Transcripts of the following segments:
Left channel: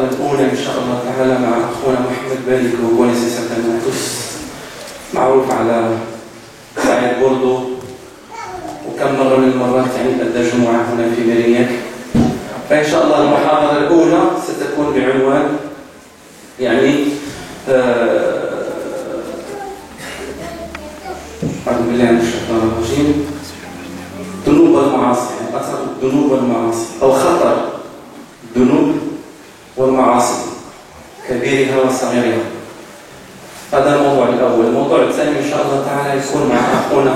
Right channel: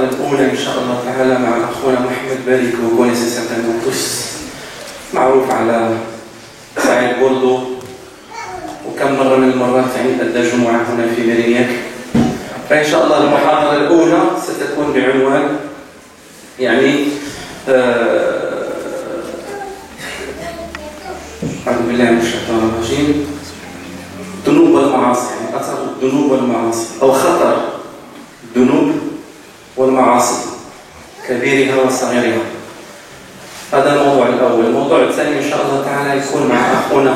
المحاضرة الأولى إن شاء الله تعالى مع أخونا محمد بالي que vous connaissez certainement tous معروف على سعيد بوردو وكم مرة من المرات يعني أدى جمعة هنا في ميرينياك. فإن شاء الله المحاضرة الأولى ستكون بعنوان يعني أعوذ بالله من الشيطان الرجيم ذنوب المعاصي، أثر الذنوب والمعاصي أو خطر الذنوب والمعاصي كبيرها وصغيرها. هذا الموضوع الأول. الموضوع الثاني إن شاء الله تعالى يكون مع أخونا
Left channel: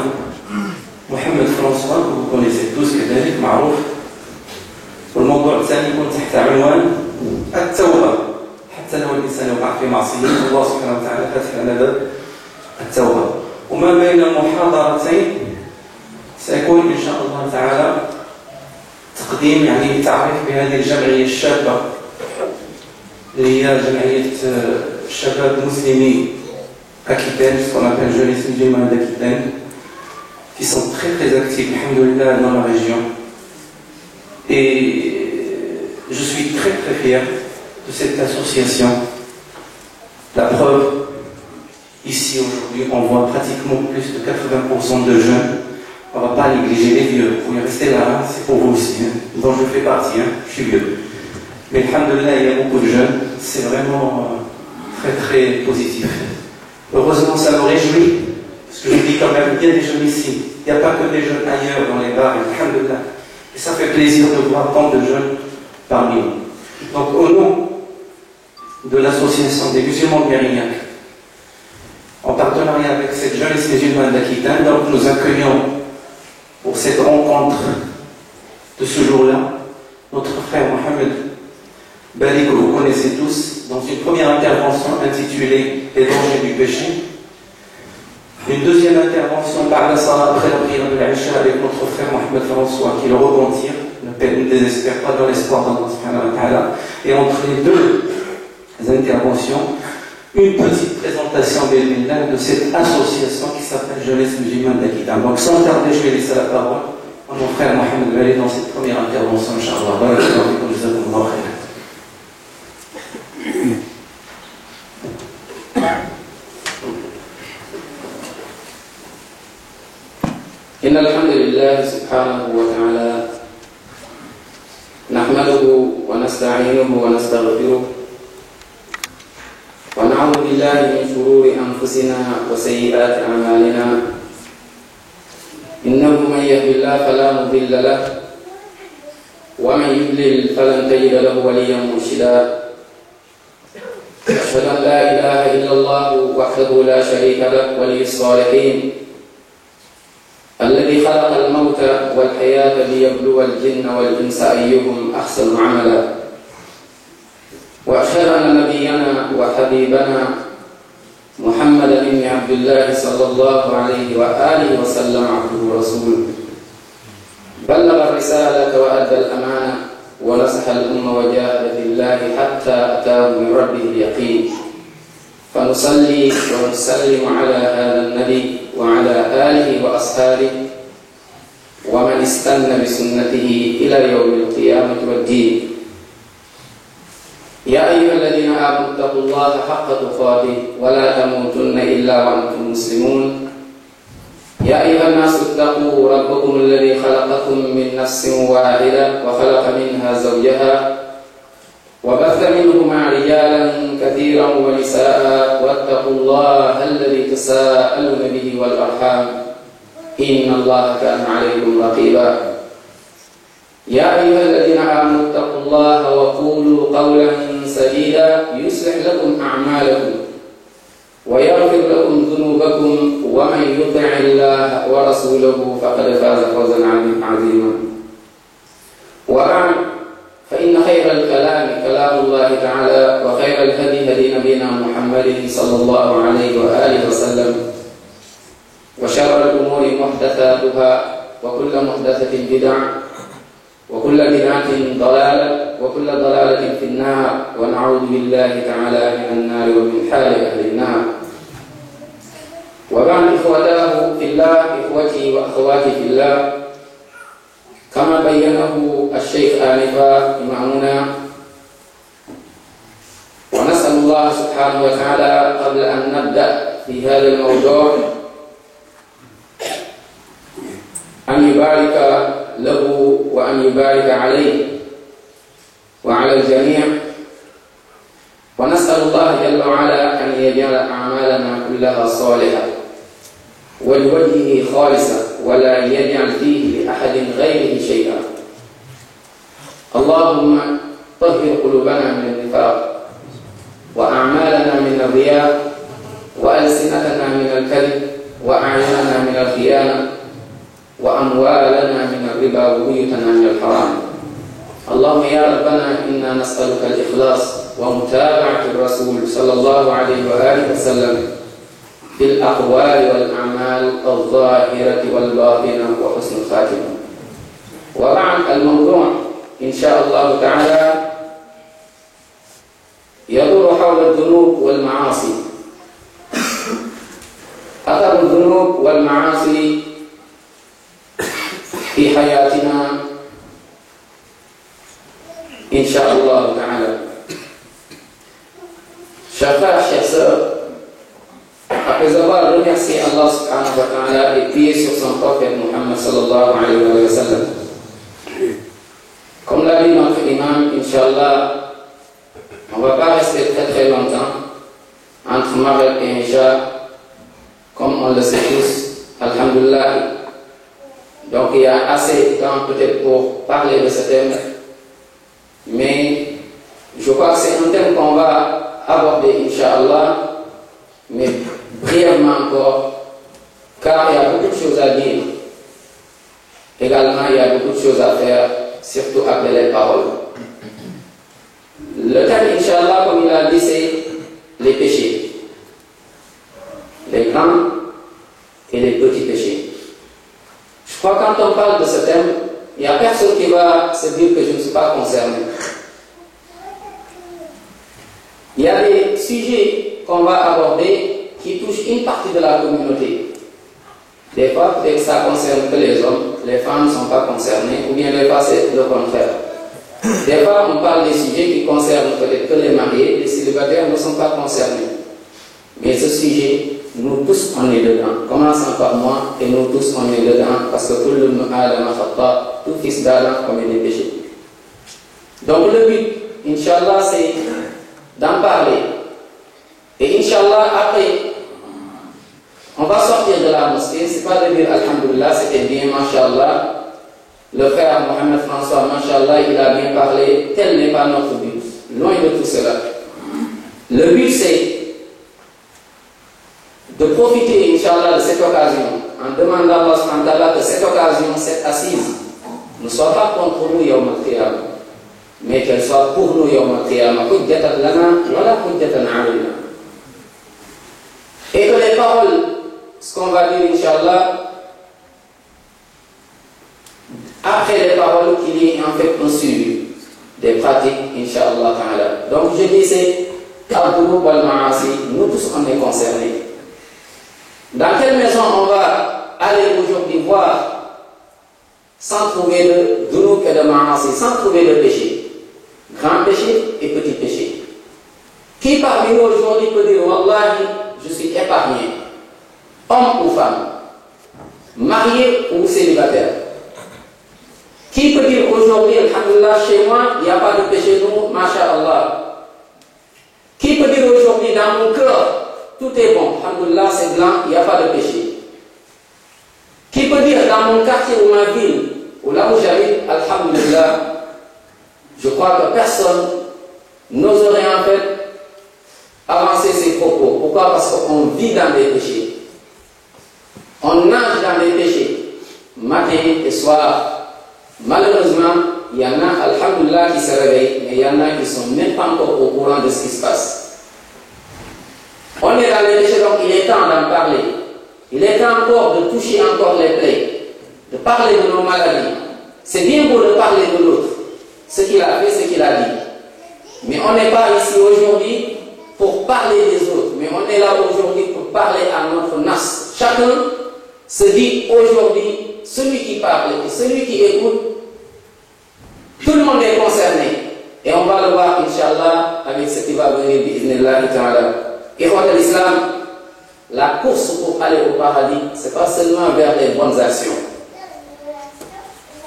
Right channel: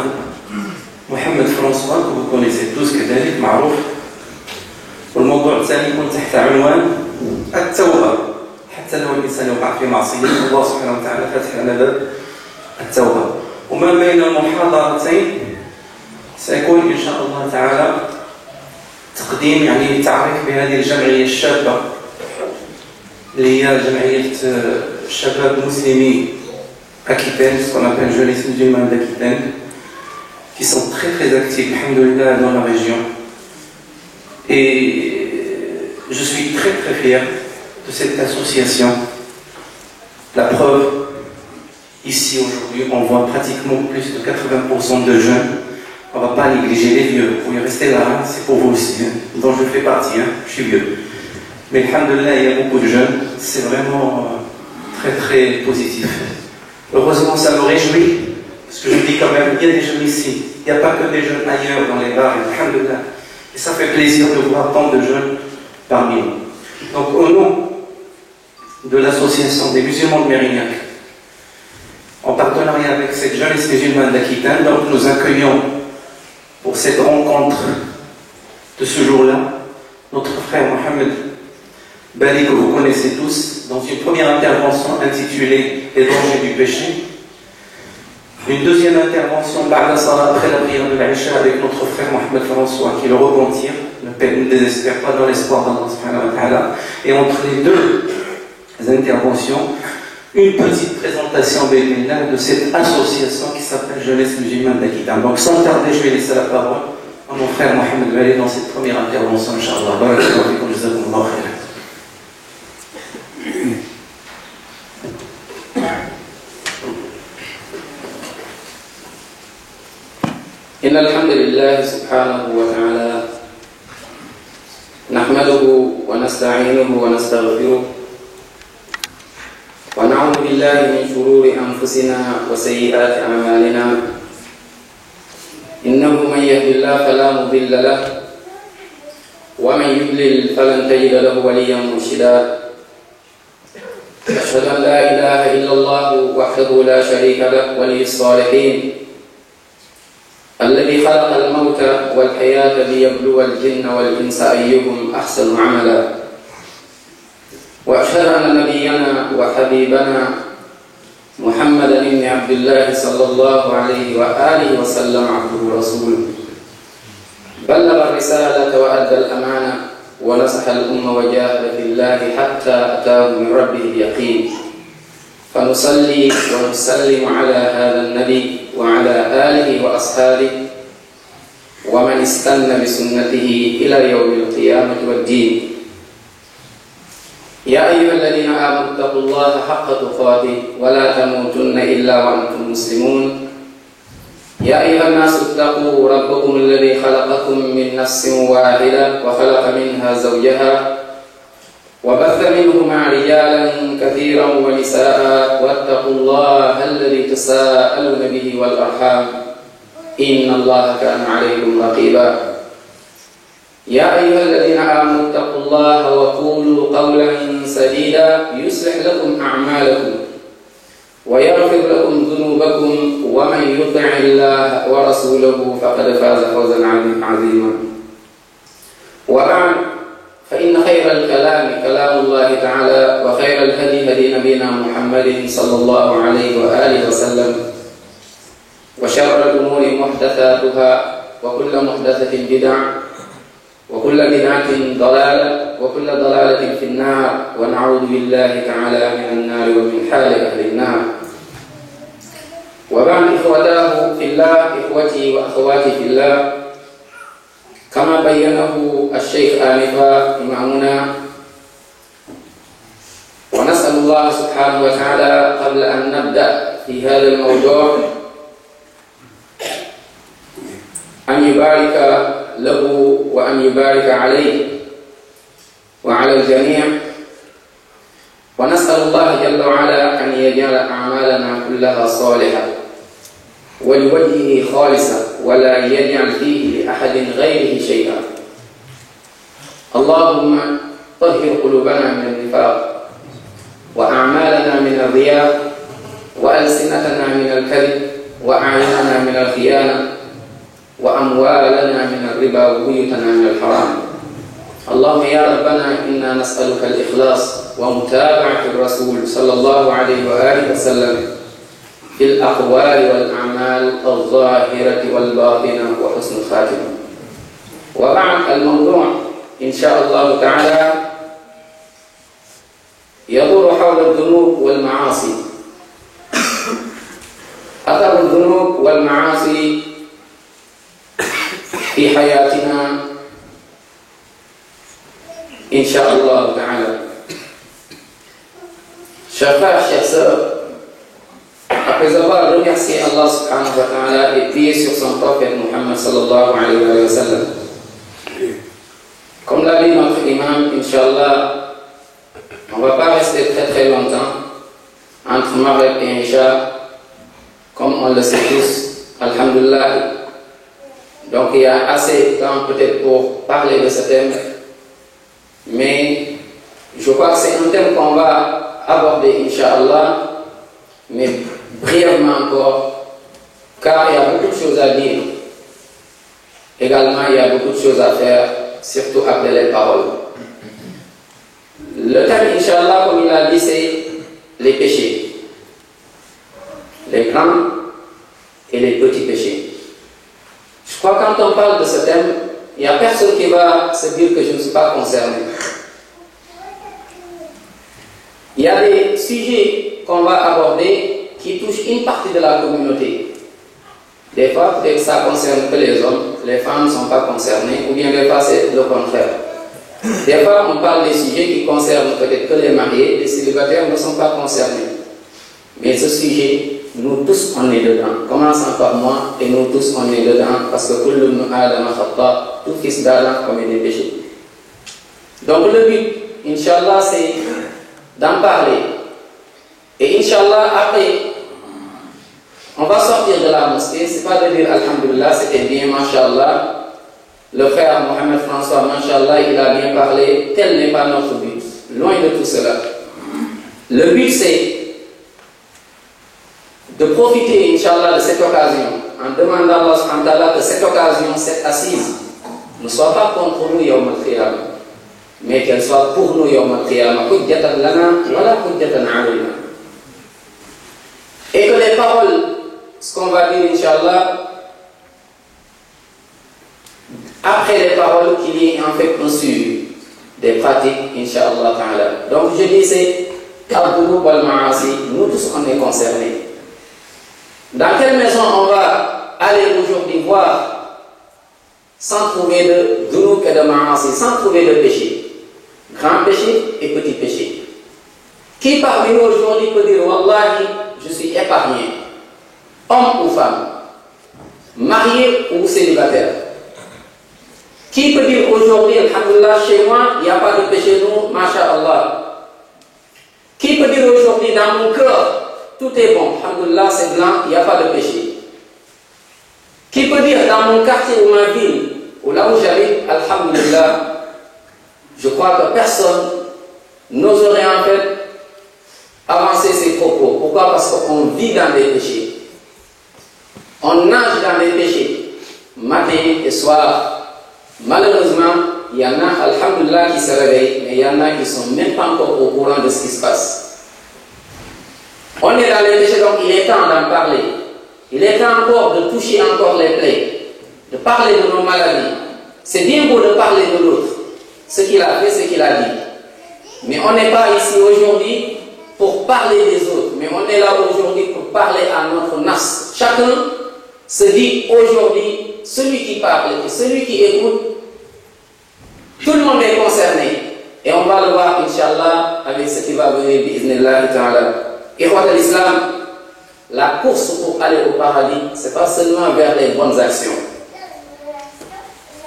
محمد فرانسوا vous connaissez tous كذلك معروف. والموضوع الثاني يكون تحت عنوان التوبة. حتى لو الإنسان يقع في معصية الله سبحانه وتعالى فتح لنا باب التوبة. وما بين المحاضرتين سيكون إن شاء الله تعالى تقديم يعني تعريف بهذه الجمعية الشابة اللي هي جمعية شباب مسلمي Aquitaine, ce qu'on appelle Jeunesse musulmane d'Aquitaine, qui sont très actifs, alhamdoulilah, dans la région. Et je suis très fier de cette association. La preuve, ici aujourd'hui, on voit pratiquement plus de 80% de jeunes. On ne va pas négliger les vieux. Vous pouvez rester là, hein, c'est pour vous aussi, hein, dont je fais partie, hein, je suis vieux. Mais alhamdoulilah, il y a beaucoup de jeunes. C'est vraiment très positif. Heureusement, ça me réjouit, parce que je dis quand même, il y a des jeunes ici. Il n'y a pas que des jeunes ailleurs dans les bars, alhamdoulilah. Et ça fait plaisir de voir tant de jeunes parmi nous. Donc, au nom de l'association des musulmans de Mérignac, en partenariat avec cette jeunesse musulmane d'Aquitaine, donc nous accueillons pour cette rencontre de ce jour-là notre frère Mohamed Bali, que vous connaissez tous, dans une première intervention intitulée Les dangers du péché. Une deuxième intervention par la salat après la prière de l'Aïcha avec notre frère Mohamed François qui le repentir, ne désespère pas dans l'espoir d'Allah subhanahu wa ta'ala. Et entre les deux interventions, une petite présentation de cette association qui s'appelle Jeunesse musulmane d'Aquitaine. Donc sans tarder, je vais laisser la parole à mon frère Mohamed Bali dans cette première intervention, Inch'Allah. إن الحمد لله سبحانه وتعالى نحمده ونستعينه ونستغفره ونعوذ بالله من شرور أنفسنا وسيئات أعمالنا إنه من يهد الله فلا مضل له ومن يضلل فلن تجد له وليا مرشدا أشهد أن لا إله إلا الله وحده لا شريك له ولي الصالحين الذي خلق الموت والحياة ليبلو الجن والإنس أيهم أحسن عملا وأشهد أن نبينا وحبيبنا محمدا بن عبد الله صلى الله عليه وآله وسلم عبده ورسوله بلغ الرسالة وأدى الأمانة ونصح الأمة وجاهد في الله حتى أتاه من ربه اليقين فنصلي ونسلم على هذا النبي وعلى آله وأصحابه ومن استنى بسنته إلى يوم القيامة والدين. يا أيها الذين آمنوا اتقوا الله حق تقاته ولا تموتن إلا وأنتم مسلمون. يا أيها الناس اتقوا ربكم الذي خلقكم من نفس واحدة وخلق منها زوجها وبث منهما رجالا كثيرا ونساء واتقوا الله الذي تساءلون به والأرحام إن الله كان عليكم رقيبا. يا أيها الذين آمنوا اتقوا الله وقولوا قولا سديدا يصلح لكم أعمالكم ويغفر لكم ذنوبكم ومن يطع الله ورسوله فقد فاز فوزا عظيما. وبعد فإن خير الكلام كلام الله تعالى وخير الهدي هدي نبينا محمد صلى الله عليه وآله وسلم وشر الأمور محدثاتها وكل محدثة بدعة وكل بدعة ضلالة وكل ضلالة في النار ونعوذ بالله تعالى من النار ومن حال أهل النار. وبعد إخوتاه في الله إخوتي وأخواتي في الله كما بينه الشيخ آنفا إمامنا الله سبحانه وتعالى قبل أن نبدأ في هذا الموضوع أن يبارك له وأن يبارك عليه وعلى الجميع، ونسأل الله جل وعلا أن يجعل أعمالنا كلها صالحة ولوجهه خالصة ولا يجعل فيه لأحد غيره شيئا. اللهم طهر قلوبنا من النفاق وأعمالنا من الرياء وألسنتنا من الكذب وأعيننا من الخيانة وأموالنا من الربا وبيوتنا من الحرام. اللهم يا ربنا إنا نسألك الإخلاص ومتابعة الرسول صلى الله عليه وآله وسلم في الأقوال والأعمال الظاهرة والباطنة وحسن الخاتمة. وبعد، الموضوع إن شاء الله تعالى يدور حول الذنوب والمعاصي، أثر الذنوب والمعاصي في حياتنا إن شاء الله تعالى. Chers frères, chers sœurs, après avoir remercié Allah subhanahu wa ta'ala et prié sur son prophète Muhammad sallallahu alayhi wa sallam, comme l'a dit notre imam, Inch'Allah, on ne va pas rester très très longtemps entre Maghrib et Isha, comme on le sait tous, alhamdulillah. Donc il y a assez de temps peut-être pour parler de ce thème, mais je crois que c'est un thème qu'on va aborder, Inch'Allah, mais brièvement encore, car il y a beaucoup de choses à dire. Également, il y a beaucoup de choses à faire, surtout après les paroles. Le thème, Inch'Allah, comme il a dit, c'est les péchés. Les grands et les petits péchés. Je crois que quand on parle de ce thème, il n'y a personne qui va se dire que je ne suis pas concerné. Il y a des sujets qu'on va aborder qui touchent une partie de la communauté. Des fois, peut-être que ça concerne que les hommes, les femmes ne sont pas concernées, ou bien des fois c'est le contraire. Des fois, on parle des sujets qui concernent peut-être que les mariés, les célibataires ne sont pas concernés. Mais ce sujet, nous tous, on est dedans. Commençons par moi, et nous tous, on est dedans, parce que tout fils d'Adam commet des péchés. Donc le but, Inch'Allah, c'est d'en parler. Et Inch'Allah, après, on va sortir de la mosquée. C'est pas de dire Alhamdulillah, c'était bien, Masha'Allah. Le frère Mohamed François, Masha'Allah, il a bien parlé. Tel n'est pas notre but. Loin de tout cela. Le but, c'est de profiter, Inch'Allah, de cette occasion, en demandant à Allah subhanahu wa ta'ala que cette occasion, cette assise, ne soit pas contre nous, Yawm al-Qiyamah, mais qu'elle soit pour nous, Yawm al-Qiyamah, hujjatan lana wala hujjatan alayna. Et que les paroles, ce qu'on va dire, Inch'Allah, après les paroles, qu'il y ait en fait un suivi des pratiques, Inch'Allah ta'ala. Donc je dis, c'est al-dhunub wal-ma'asi, nous tous on est concernés. Dans quelle maison on va aller aujourd'hui voir sans trouver de dhunub et de ma'asi, sans trouver de péché, grand péché et petit péché? Qui parmi nous aujourd'hui peut dire Wallahi, je suis épargné, homme ou femme, marié ou célibataire? Qui peut dire aujourd'hui, alhamdulillah, chez moi, il n'y a pas de péché, nous, masha'Allah? Qui peut dire aujourd'hui, dans mon cœur, tout est bon, alhamdulillah, c'est blanc, il n'y a pas de péché? Qui peut dire, dans mon quartier ou ma ville, ou là où j'habite, alhamdulillah, je crois que personne n'oserait en fait avancer ses propos. Pourquoi? Parce qu'on vit dans des péchés. On nage dans des péchés, matin et soir. Malheureusement, il y en a, alhamdulillah, qui se réveillent, mais il y en a qui ne sont même pas encore au courant de ce qui se passe. On est dans les péchés, donc il est temps d'en parler. Il est temps encore de toucher encore les plaies, de parler de nos maladies. C'est bien beau de parler de l'autre, ce qu'il a fait, ce qu'il a dit. Mais on n'est pas ici aujourd'hui pour parler des autres, mais on est là aujourd'hui pour parler à notre nas. Chacun se dit aujourd'hui, celui qui parle et celui qui écoute, tout le monde est concerné. Et on va le voir, Inch'Allah, avec ce qui va venir, bi'idhnillah ta'ala. Ikhwat al-Islam, la course pour aller au paradis, c'est pas seulement vers les bonnes actions.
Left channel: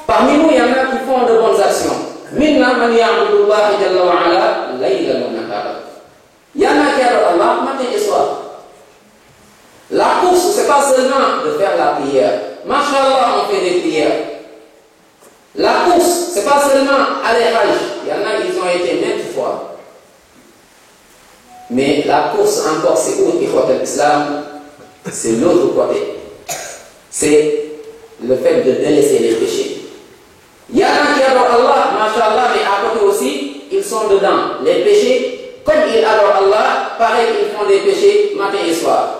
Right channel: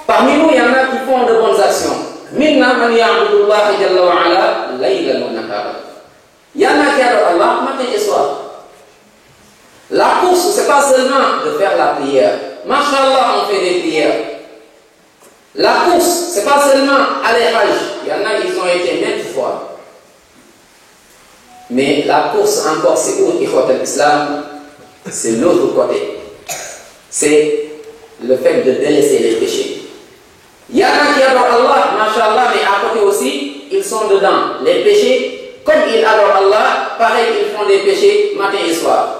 Parmi nous, il y en a qui font de bonnes actions. Minna man ya'budullaha jalla wa ala laylan wa nahara. Il y en a qui adorent Allah matin et soir. La course, c'est pas seulement de faire la prière. Masha'Allah, on fait des prières. La course, c'est pas seulement aller Hajj. Il y en a, ils ont été maintes fois. Mais la course encore, c'est où, Ikhwat al-Islam? C'est l'autre côté. C'est le fait de délaisser les péchés. Il y en a qui adorent Allah, Masha'Allah, mais à côté aussi, ils sont dedans. Les péchés, comme ils adorent Allah, pareil, ils font des péchés matin et soir.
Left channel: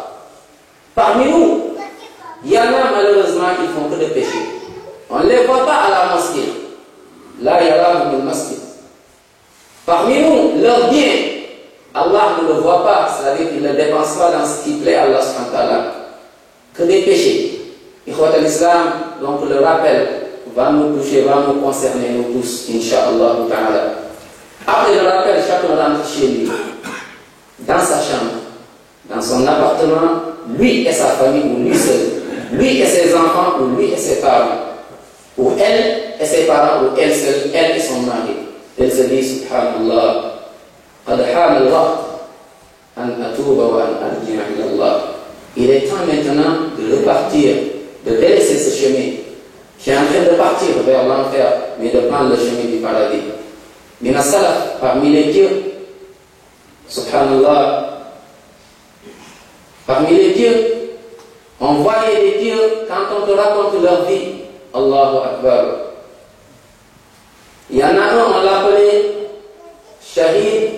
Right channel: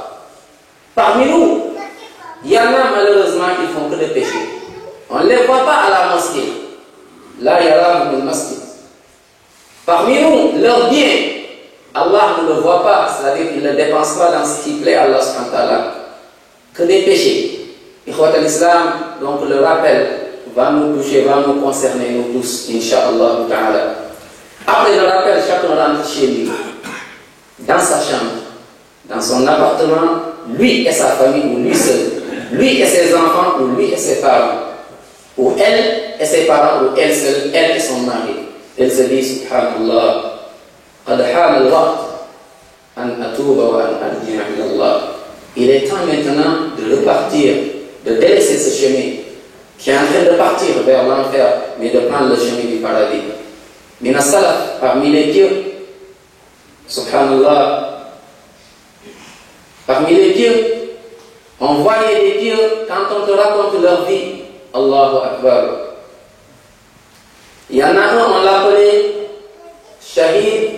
Parmi nous, il y en a malheureusement qui font que des péchés. On ne les voit pas à la mosquée. Là, il y a là le masjid. Parmi nous, leur bien, Allah ne le voit pas, c'est-à-dire qu'il ne le dépense pas dans ce qui plaît à Allah subhanahu wa ta'ala. Que des péchés. Ikhwat al-Islam, donc le rappel va nous toucher, va nous concerner, nous tous, Inch'Allah ta'ala. Après le rappel, chacun rentre chez lui, dans sa chambre, dans son appartement, lui et sa famille, ou lui seul, lui et ses enfants, ou lui et ses parents, ou elle et ses parents, ou elle seule, elle et son mari. Elle se dit, Subhanallah, قد حان الوقت أن أتوب وأن أرجع إلى الله. Il est temps maintenant de repartir, de délaisser ce chemin qui est en train de partir vers l'enfer, mais de prendre le chemin du paradis. Min as-salaf, parmi les pieux, Subhanallah, parmi les pieux, on voyait les pieux quand on te raconte leur vie. Allahu Akbar. Il y en a un, on l'appelait Shahid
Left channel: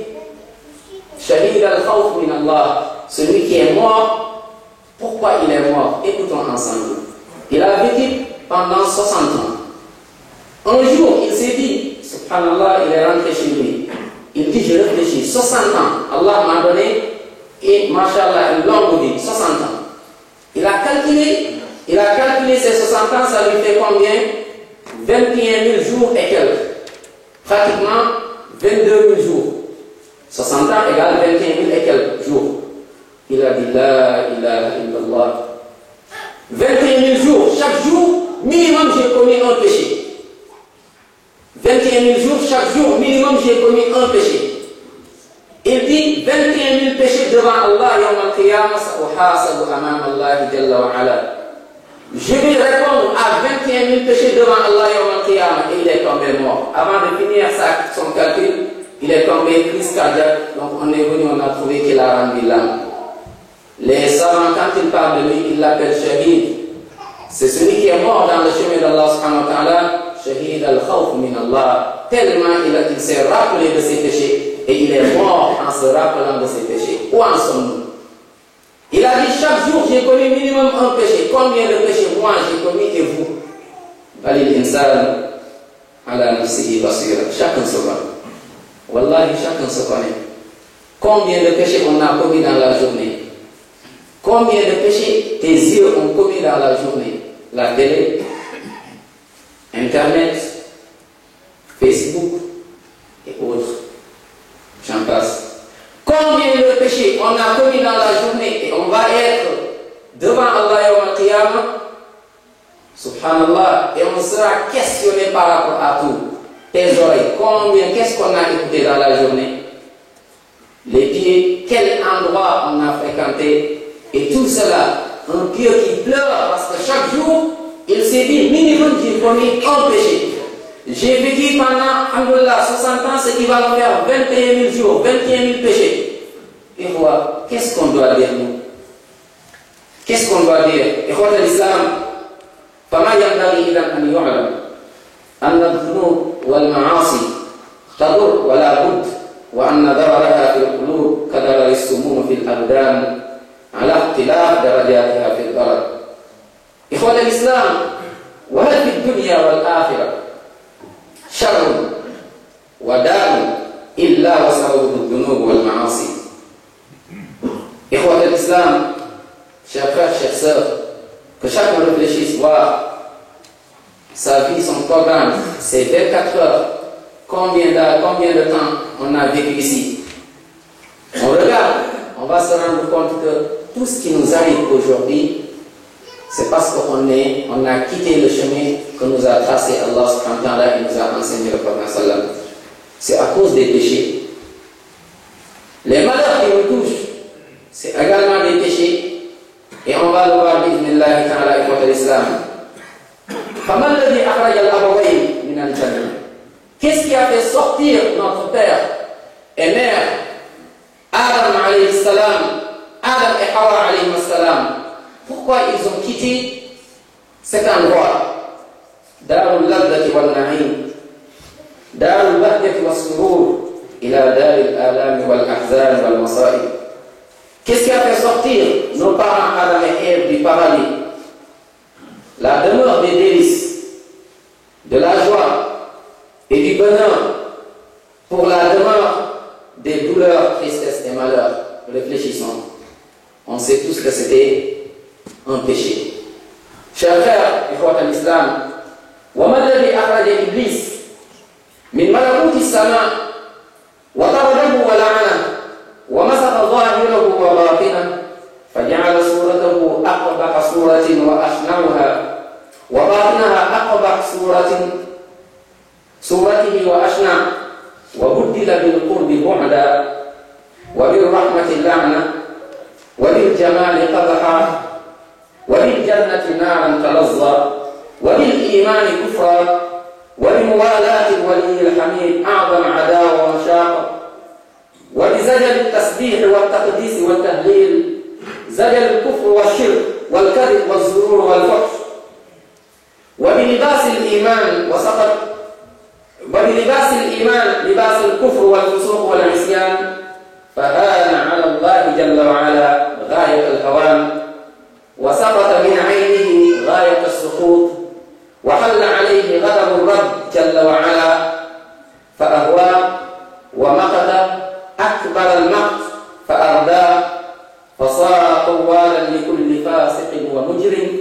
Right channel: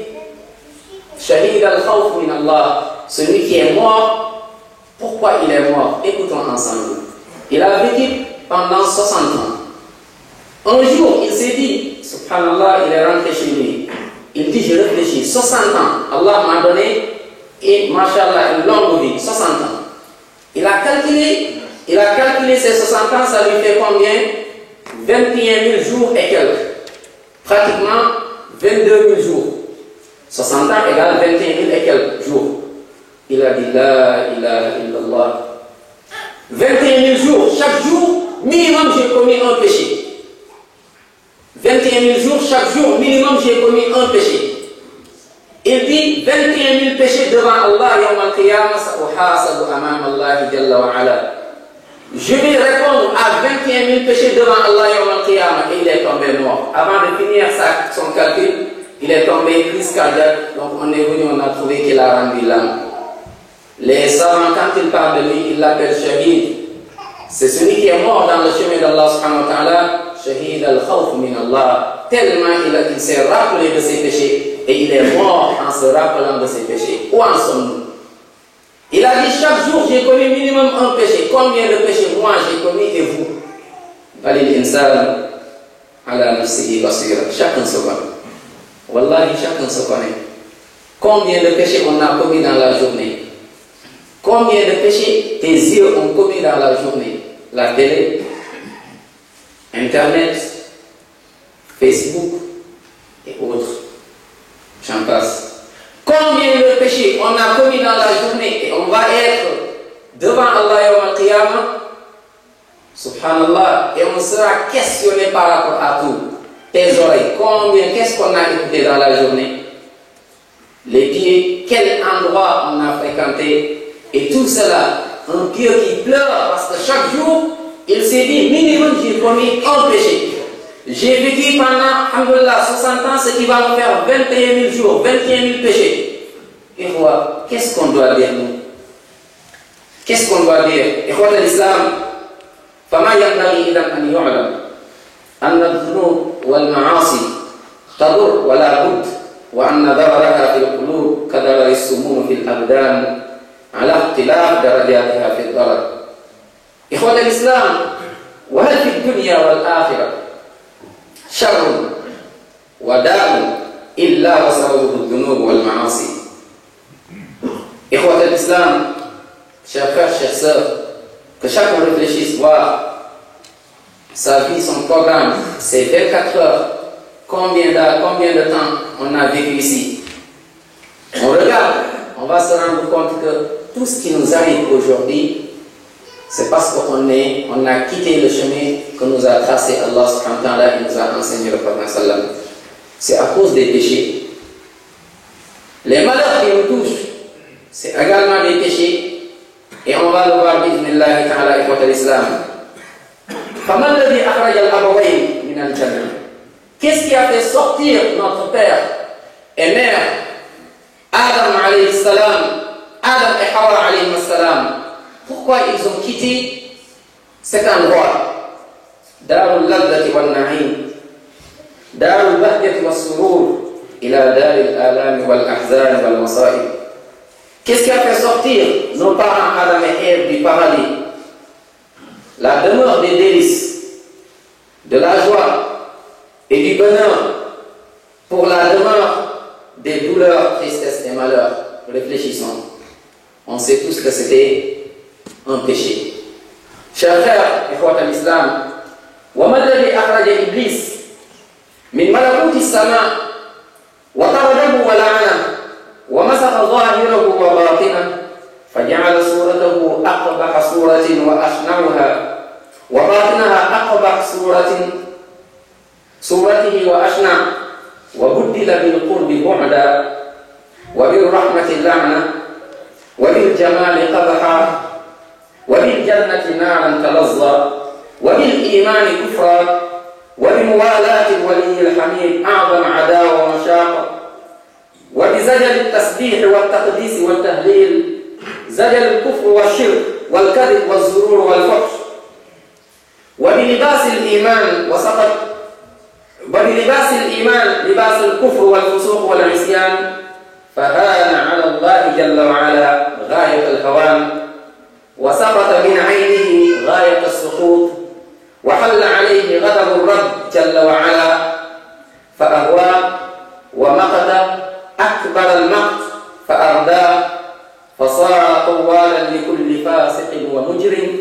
al-Khawf min Allah, celui qui est mort. Pourquoi il est mort? Écoutons ensemble. Il a vécu pendant 60 ans. Un jour, il s'est dit, Subhanallah, il est rentré chez lui. Il dit, je réfléchis, 60 ans, Allah m'a donné, et Masha'Allah, une longue vie, 60 ans. Il a calculé ces 60 ans, ça lui fait combien? 21 000 jours et quelques. Pratiquement 22 000 jours. 60 ans égale 21 000 et quelques jours. Il a dit La ilaha illallah. 21 000 jours, chaque jour, minimum j'ai commis un péché. 21 000 jours, chaque jour, minimum j'ai commis un péché. Il dit 21 000 péchés devant Allah, yawm al-qiyamah, sa'uhasabu amam Allah jalla wa ala. Je vais répondre à 21 000 péchés devant Allah yawm al-qiyamah. Et il est tombé mort. Avant de finir son calcul, il est tombé crise cardiaque. Donc on est venu, on a trouvé qu'il a rendu l'âme. Les savants, quand ils parlent de lui, ils l'appellent Shahid. C'est celui qui est mort dans le chemin d'Allah subhanahu wa ta'ala. Shahid al-Khawf min Allah. Tellement il s'est rappelé de ses péchés. Et il est mort en se rappelant de ses péchés. Où en sommes-nous? Il a dit chaque jour j'ai commis minimum un péché. Combien de péchés moi j'ai commis et vous? Balil insan ala nafsihi basira. Chacun se connaît. Wallahi, chacun se connaît. Combien de péchés on a commis dans la journée? Combien de péchés tes yeux ont commis dans la journée? La télé, Internet, Facebook et autres. J'en passe. Combien de péchés on a commis dans la journée et on va être devant Allah yawm al-qiyamah, subhanallah, et on sera questionné par rapport à tout. Tes oreilles, combien, qu'est-ce qu'on a écouté dans la journée? Les pieds, quel endroit on a fréquenté? Et tout cela, un pieux qui pleure parce que chaque jour, il s'est dit, minimum j'ai commis un péché. J'ai vécu pendant, alhamdoulilah, 60 ans, ce qui va me faire 21 000 jours, 21 000 péchés. Et voilà, qu'est-ce qu'on doit dire nous? Qu'est-ce qu'on doit dire? Ikhwat al-Islam, فما ينبغي إذا أن يعلم أن الذنوب والمعاصي تضر ولا بد وأن ضررها في القلوب كضرر السموم في الأبدان على اختلاف درجاتها في الضرر. إخوة الإسلام، وهل في الدنيا والآخرة شر وداء إلا وسببه الذنوب والمعاصي. إخوة الإسلام, chers frères, chères sœurs, que chacun réfléchisse, voir sa vie, son programme, ses 24 heures, combien de temps on a vécu ici. On regarde, on va se rendre compte que tout ce qui nous arrive aujourd'hui, c'est parce qu'on a quitté le chemin que nous a tracé Allah subhanahu wa ta'ala et nous a enseigné le prophète sallam. C'est à cause des péchés. Les malheurs qui nous touchent, c'est également des péchés. Et on va le voir, bismillah ta'ala, ikhwat al-islam. فَمَا الَّذِي أَخْرَجَ الْأَبَوَيْنِ مِنَ الْجَنَّةِ. Qu'est-ce qui a fait sortir notre père et mère, Adam alayhi salam, Adam et Hawa alayhi salam? Pourquoi ils ont quitté cet endroit? Darul ladhati wal na'im, darul bahjati was surur, ila daril alami wal ahzan wal masa'ib. Qu'est-ce qui a fait sortir nos parents Adam et Ève du paradis? La demeure des délices, de la joie et du bonheur pour la demeure des douleurs, tristesses et malheurs. Réfléchissons. On sait tous que c'était un péché. Chers frères, ikhwat al-Islam, وَمَا الَّذِي أَخْرَجَ إِبْلِيسَ مِنْ مَلَكُوتِ السَّمَاءِ وَطَرَدَهُ وَلَعَنَهُ وَمَسَخَ ظَاهِرَهُ وَبَاطِنَهُ فَجَعَلَ صُورَتَهُ أَقْبَحَ صُورَةٍ وَأَشْنَعُهَا وَبَاطِنَهَا أَقْبَحَ صُورَتِهِ وَأَشْنَعُ وَبُدِّلَ بِالْقُرْبِ بُعْدًا وَبِالرَّحْمَةِ لَعْنًا وبالجمال قبحا وبالجنة نارا تلظى وبالإيمان كفرا وبموالاة الولي الحميد أعظم عداوة ومشاقة وبزجل التسبيح والتقديس والتهليل زجل الكفر والشرك والكذب والزرور والفحش وبلباس الإيمان وسقط وبلباس الإيمان لباس الكفر والفسوق والعصيان فهان على الله جل وعلا غاية الهوان وسقط من عينه غاية السقوط وحل عليه غضب الرب جل وعلا فأهوى ومقت أكبر المقت فأرداه فصار قوالا لكل فاسق ومجرم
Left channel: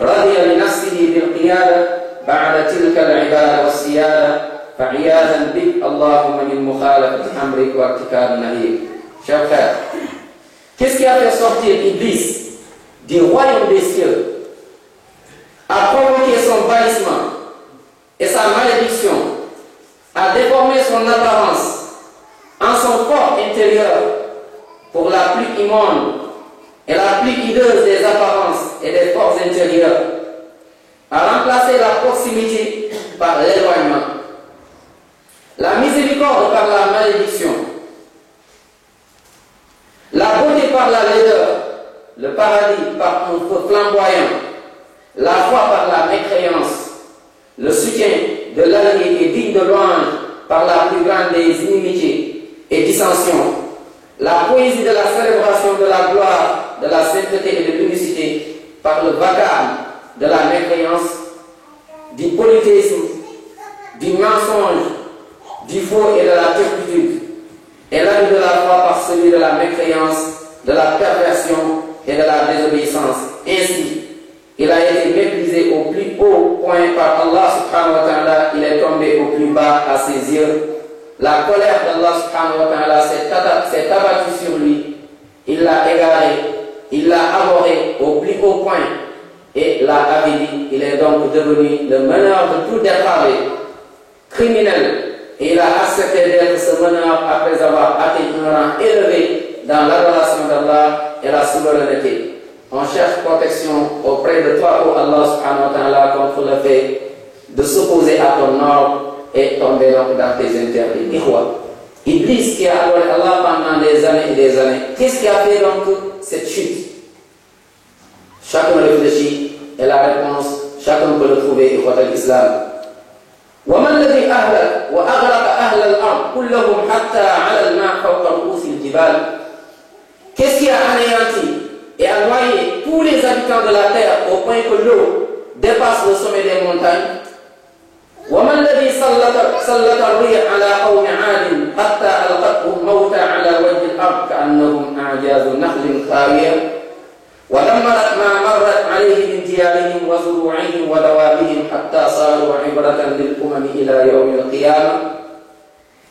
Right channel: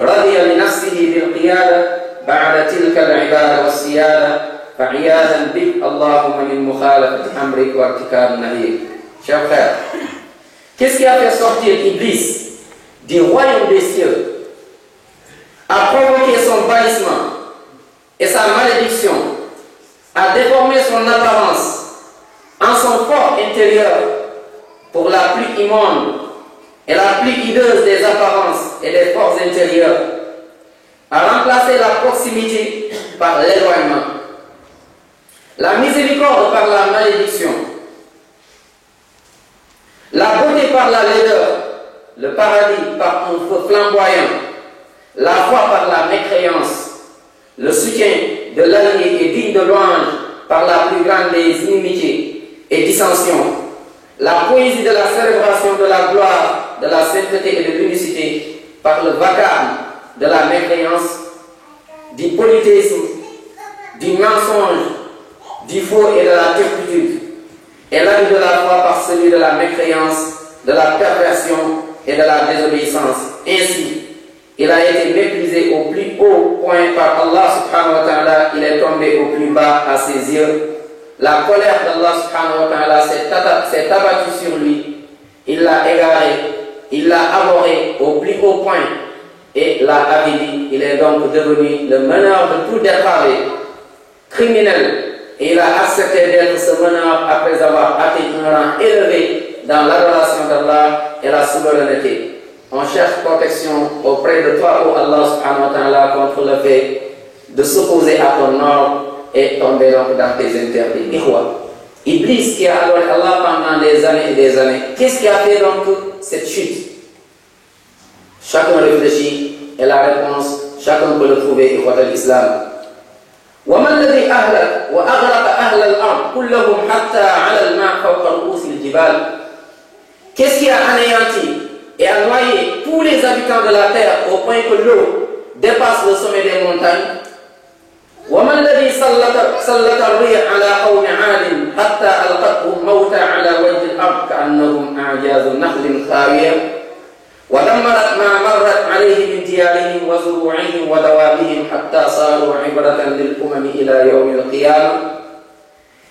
رضي لنفسه بالقيادة بعد تلك العبادة والسيادة فعياذا بك اللهم من مخالفة أمرك وارتكاب نهيك. Chers frères, qu'est-ce qui a fait sortir Iblis du royaume des cieux, a provoqué son bannissement et sa malédiction, a déformé son apparence en son corps intérieur pour la plus immonde et la plus hideuse des apparences et des forces intérieures, a remplacé la proximité par l'éloignement, la miséricorde par la malédiction, la beauté par la laideur, le paradis par un feu flamboyant, la foi par la mécréance, le soutien de l'allié et digne de louange par la plus grande des inimitiés et dissensions, la poésie de la célébration de la gloire, de la sainteté et de l'unicité par le vacarme de la mécréance, du polythéisme, du mensonge, du faux et de la turpitude, et l'âme de la foi par celui de la mécréance, de la perversion et de la désobéissance. Ainsi, il a été méprisé au plus haut point par Allah subhanahu wa ta'ala, il est tombé au plus bas à ses yeux. La colère d'Allah subhanahu wa ta'ala s'est abattue sur lui, il l'a égaré, il l'a abhorré au plus haut point et l'a avili. Il est donc devenu le meneur de tout dépravé, criminel, et il a accepté d'être ce meneur après avoir atteint un rang élevé dans l'adoration d'Allah et la souveraineté. On cherche protection auprès de toi, ô Allah subhanahu wa ta'ala, contre le fait de s'opposer à ton ordre et tomber donc dans tes interdits. Ihwa, Iblis qui a adoré Allah pendant des années et des années, qu'est-ce qui a fait donc cette chute? Chacun réfléchit et la réponse, chacun peut le trouver, ikhwat al-Islam. وَمَا الَّذِي أَهْلَكَ وَأَغْرَقَ أَهْلَ الْأَرْضِ كُلَّهُمْ حَتَّى عَلَى الْمَاءِ فَوْقَ رُؤُوسِ الْجِبَالِ. Qu'est-ce qui a anéanti et a noyé tous les habitants de la terre au point que l'eau dépasse le sommet des montagnes? وَمَا الَّذِي سَلَّطَ الرِّيحَ عَلَى قَوْمِ عَادٍ حَتَّى أَلْقَتْهُمْ مَوْتًا عَلَى وَجْهِ الْأَرْضِ كَأَنَّهُمْ أَعْجَازُ نَخْلٍ خَاوِيَةٍ ودمرت ما مرت عليه من ديارهم وزروعهم ودوابهم حتى صاروا عبرة للأمم إلى يوم القيامة.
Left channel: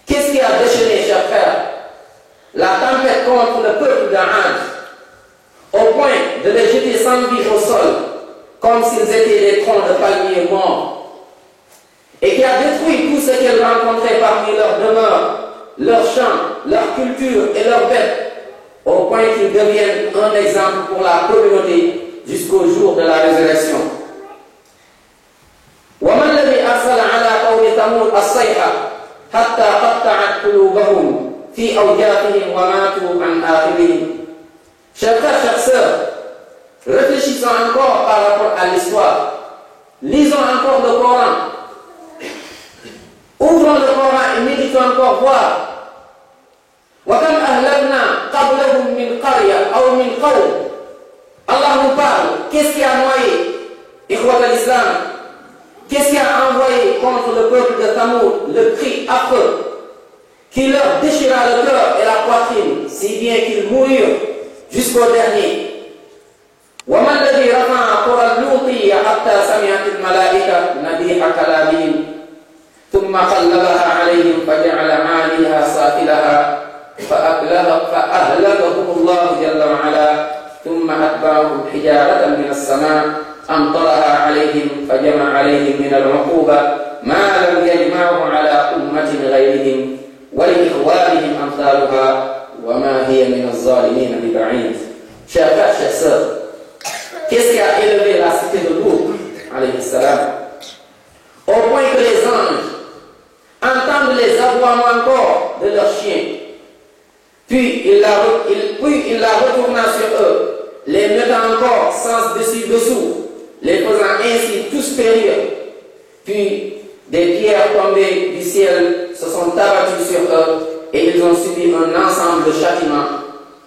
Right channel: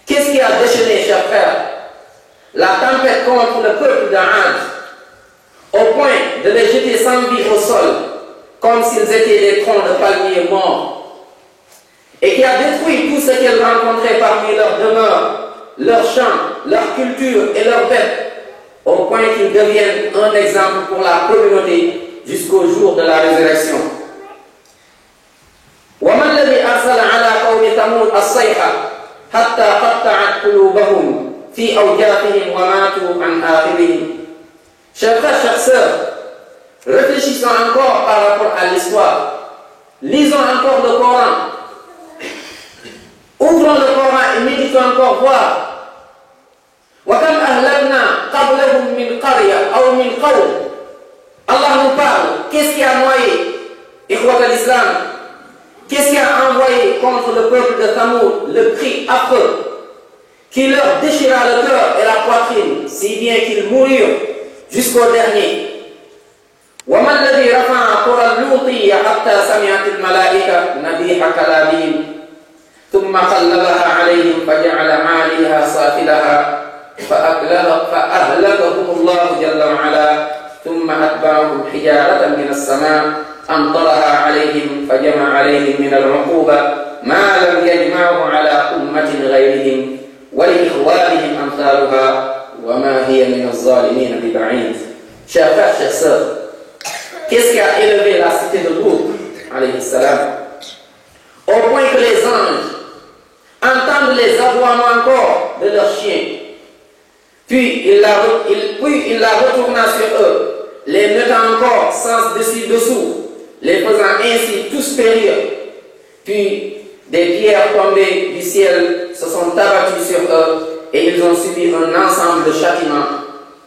Qu'est-ce qui a déchaîné, chers frères, la tempête contre le peuple d'Ad, au point de les jeter sans vie au sol, comme s'ils étaient des troncs de palmiers morts, et qui a détruit tout ce qu'elles rencontraient parmi leurs demeures, leurs champs, leur culture et leurs bêtes, au point qu'ils deviennent un exemple pour la communauté jusqu'au jour de la résurrection. وَمَا الَّذِي أَرْسَلَ عَلَى قَوْمِ ثَمُودَ الصَّيْحَةَ حَتَّى قَطَّعَتْ قُلُوبَهُمْ في أوجاعهم وماتوا عن آخرهم. Chers frères, chères sœurs, réfléchissons encore par rapport à l'histoire. Lisons encore le Coran. Ouvrons le Coran et méditons encore voir. وَكَمْ أَهْلَكْنَا قَبْلَهُمْ مِنْ قَرْيَةٍ أَوْ مِنْ قَوْمٍ. Allah nous parle. Qu'est-ce qui a noyé, Ikhwat al-Islam? Qu'est-ce qui a envoyé contre le peuple de Thamoud le cri affreux qui leur déchira le cœur et la poitrine, si bien qu'ils moururent jusqu'au dernier. وَمَا الَّذِي رَفَعَ قُرَى اللُّوطِيَّ حَتَّى سَمِعَتِ الْمَلَائِكَةُ نَبِيحَ كَلَامِهِمْ ثُمَّ قَلَّبَهَا عَلَيْهِمْ فَجَعَلَ عَالِيهَا سَافِلَهَا فأهلكهم الله جل وعلا ثم أتبعهم حجارة من السماء أمطرها عليهم فجمع عليهم من العقوبة ما لم يجمعه على أمة غيرهم ولإخوانهم أمثالها وما هي من الظالمين ببعيد. Chers frères, chères sœurs, qu'est-ce qui a élevé la cité de Lut, alayhi salam, au point que les anges entendent les aboiements encore de leurs chiens? Puis il la retourna sur eux, les mettant encore sens dessus-dessous, les faisant ainsi tous périr. Puis des pierres tombées du ciel se sont abattues sur eux et ils ont subi un ensemble de châtiments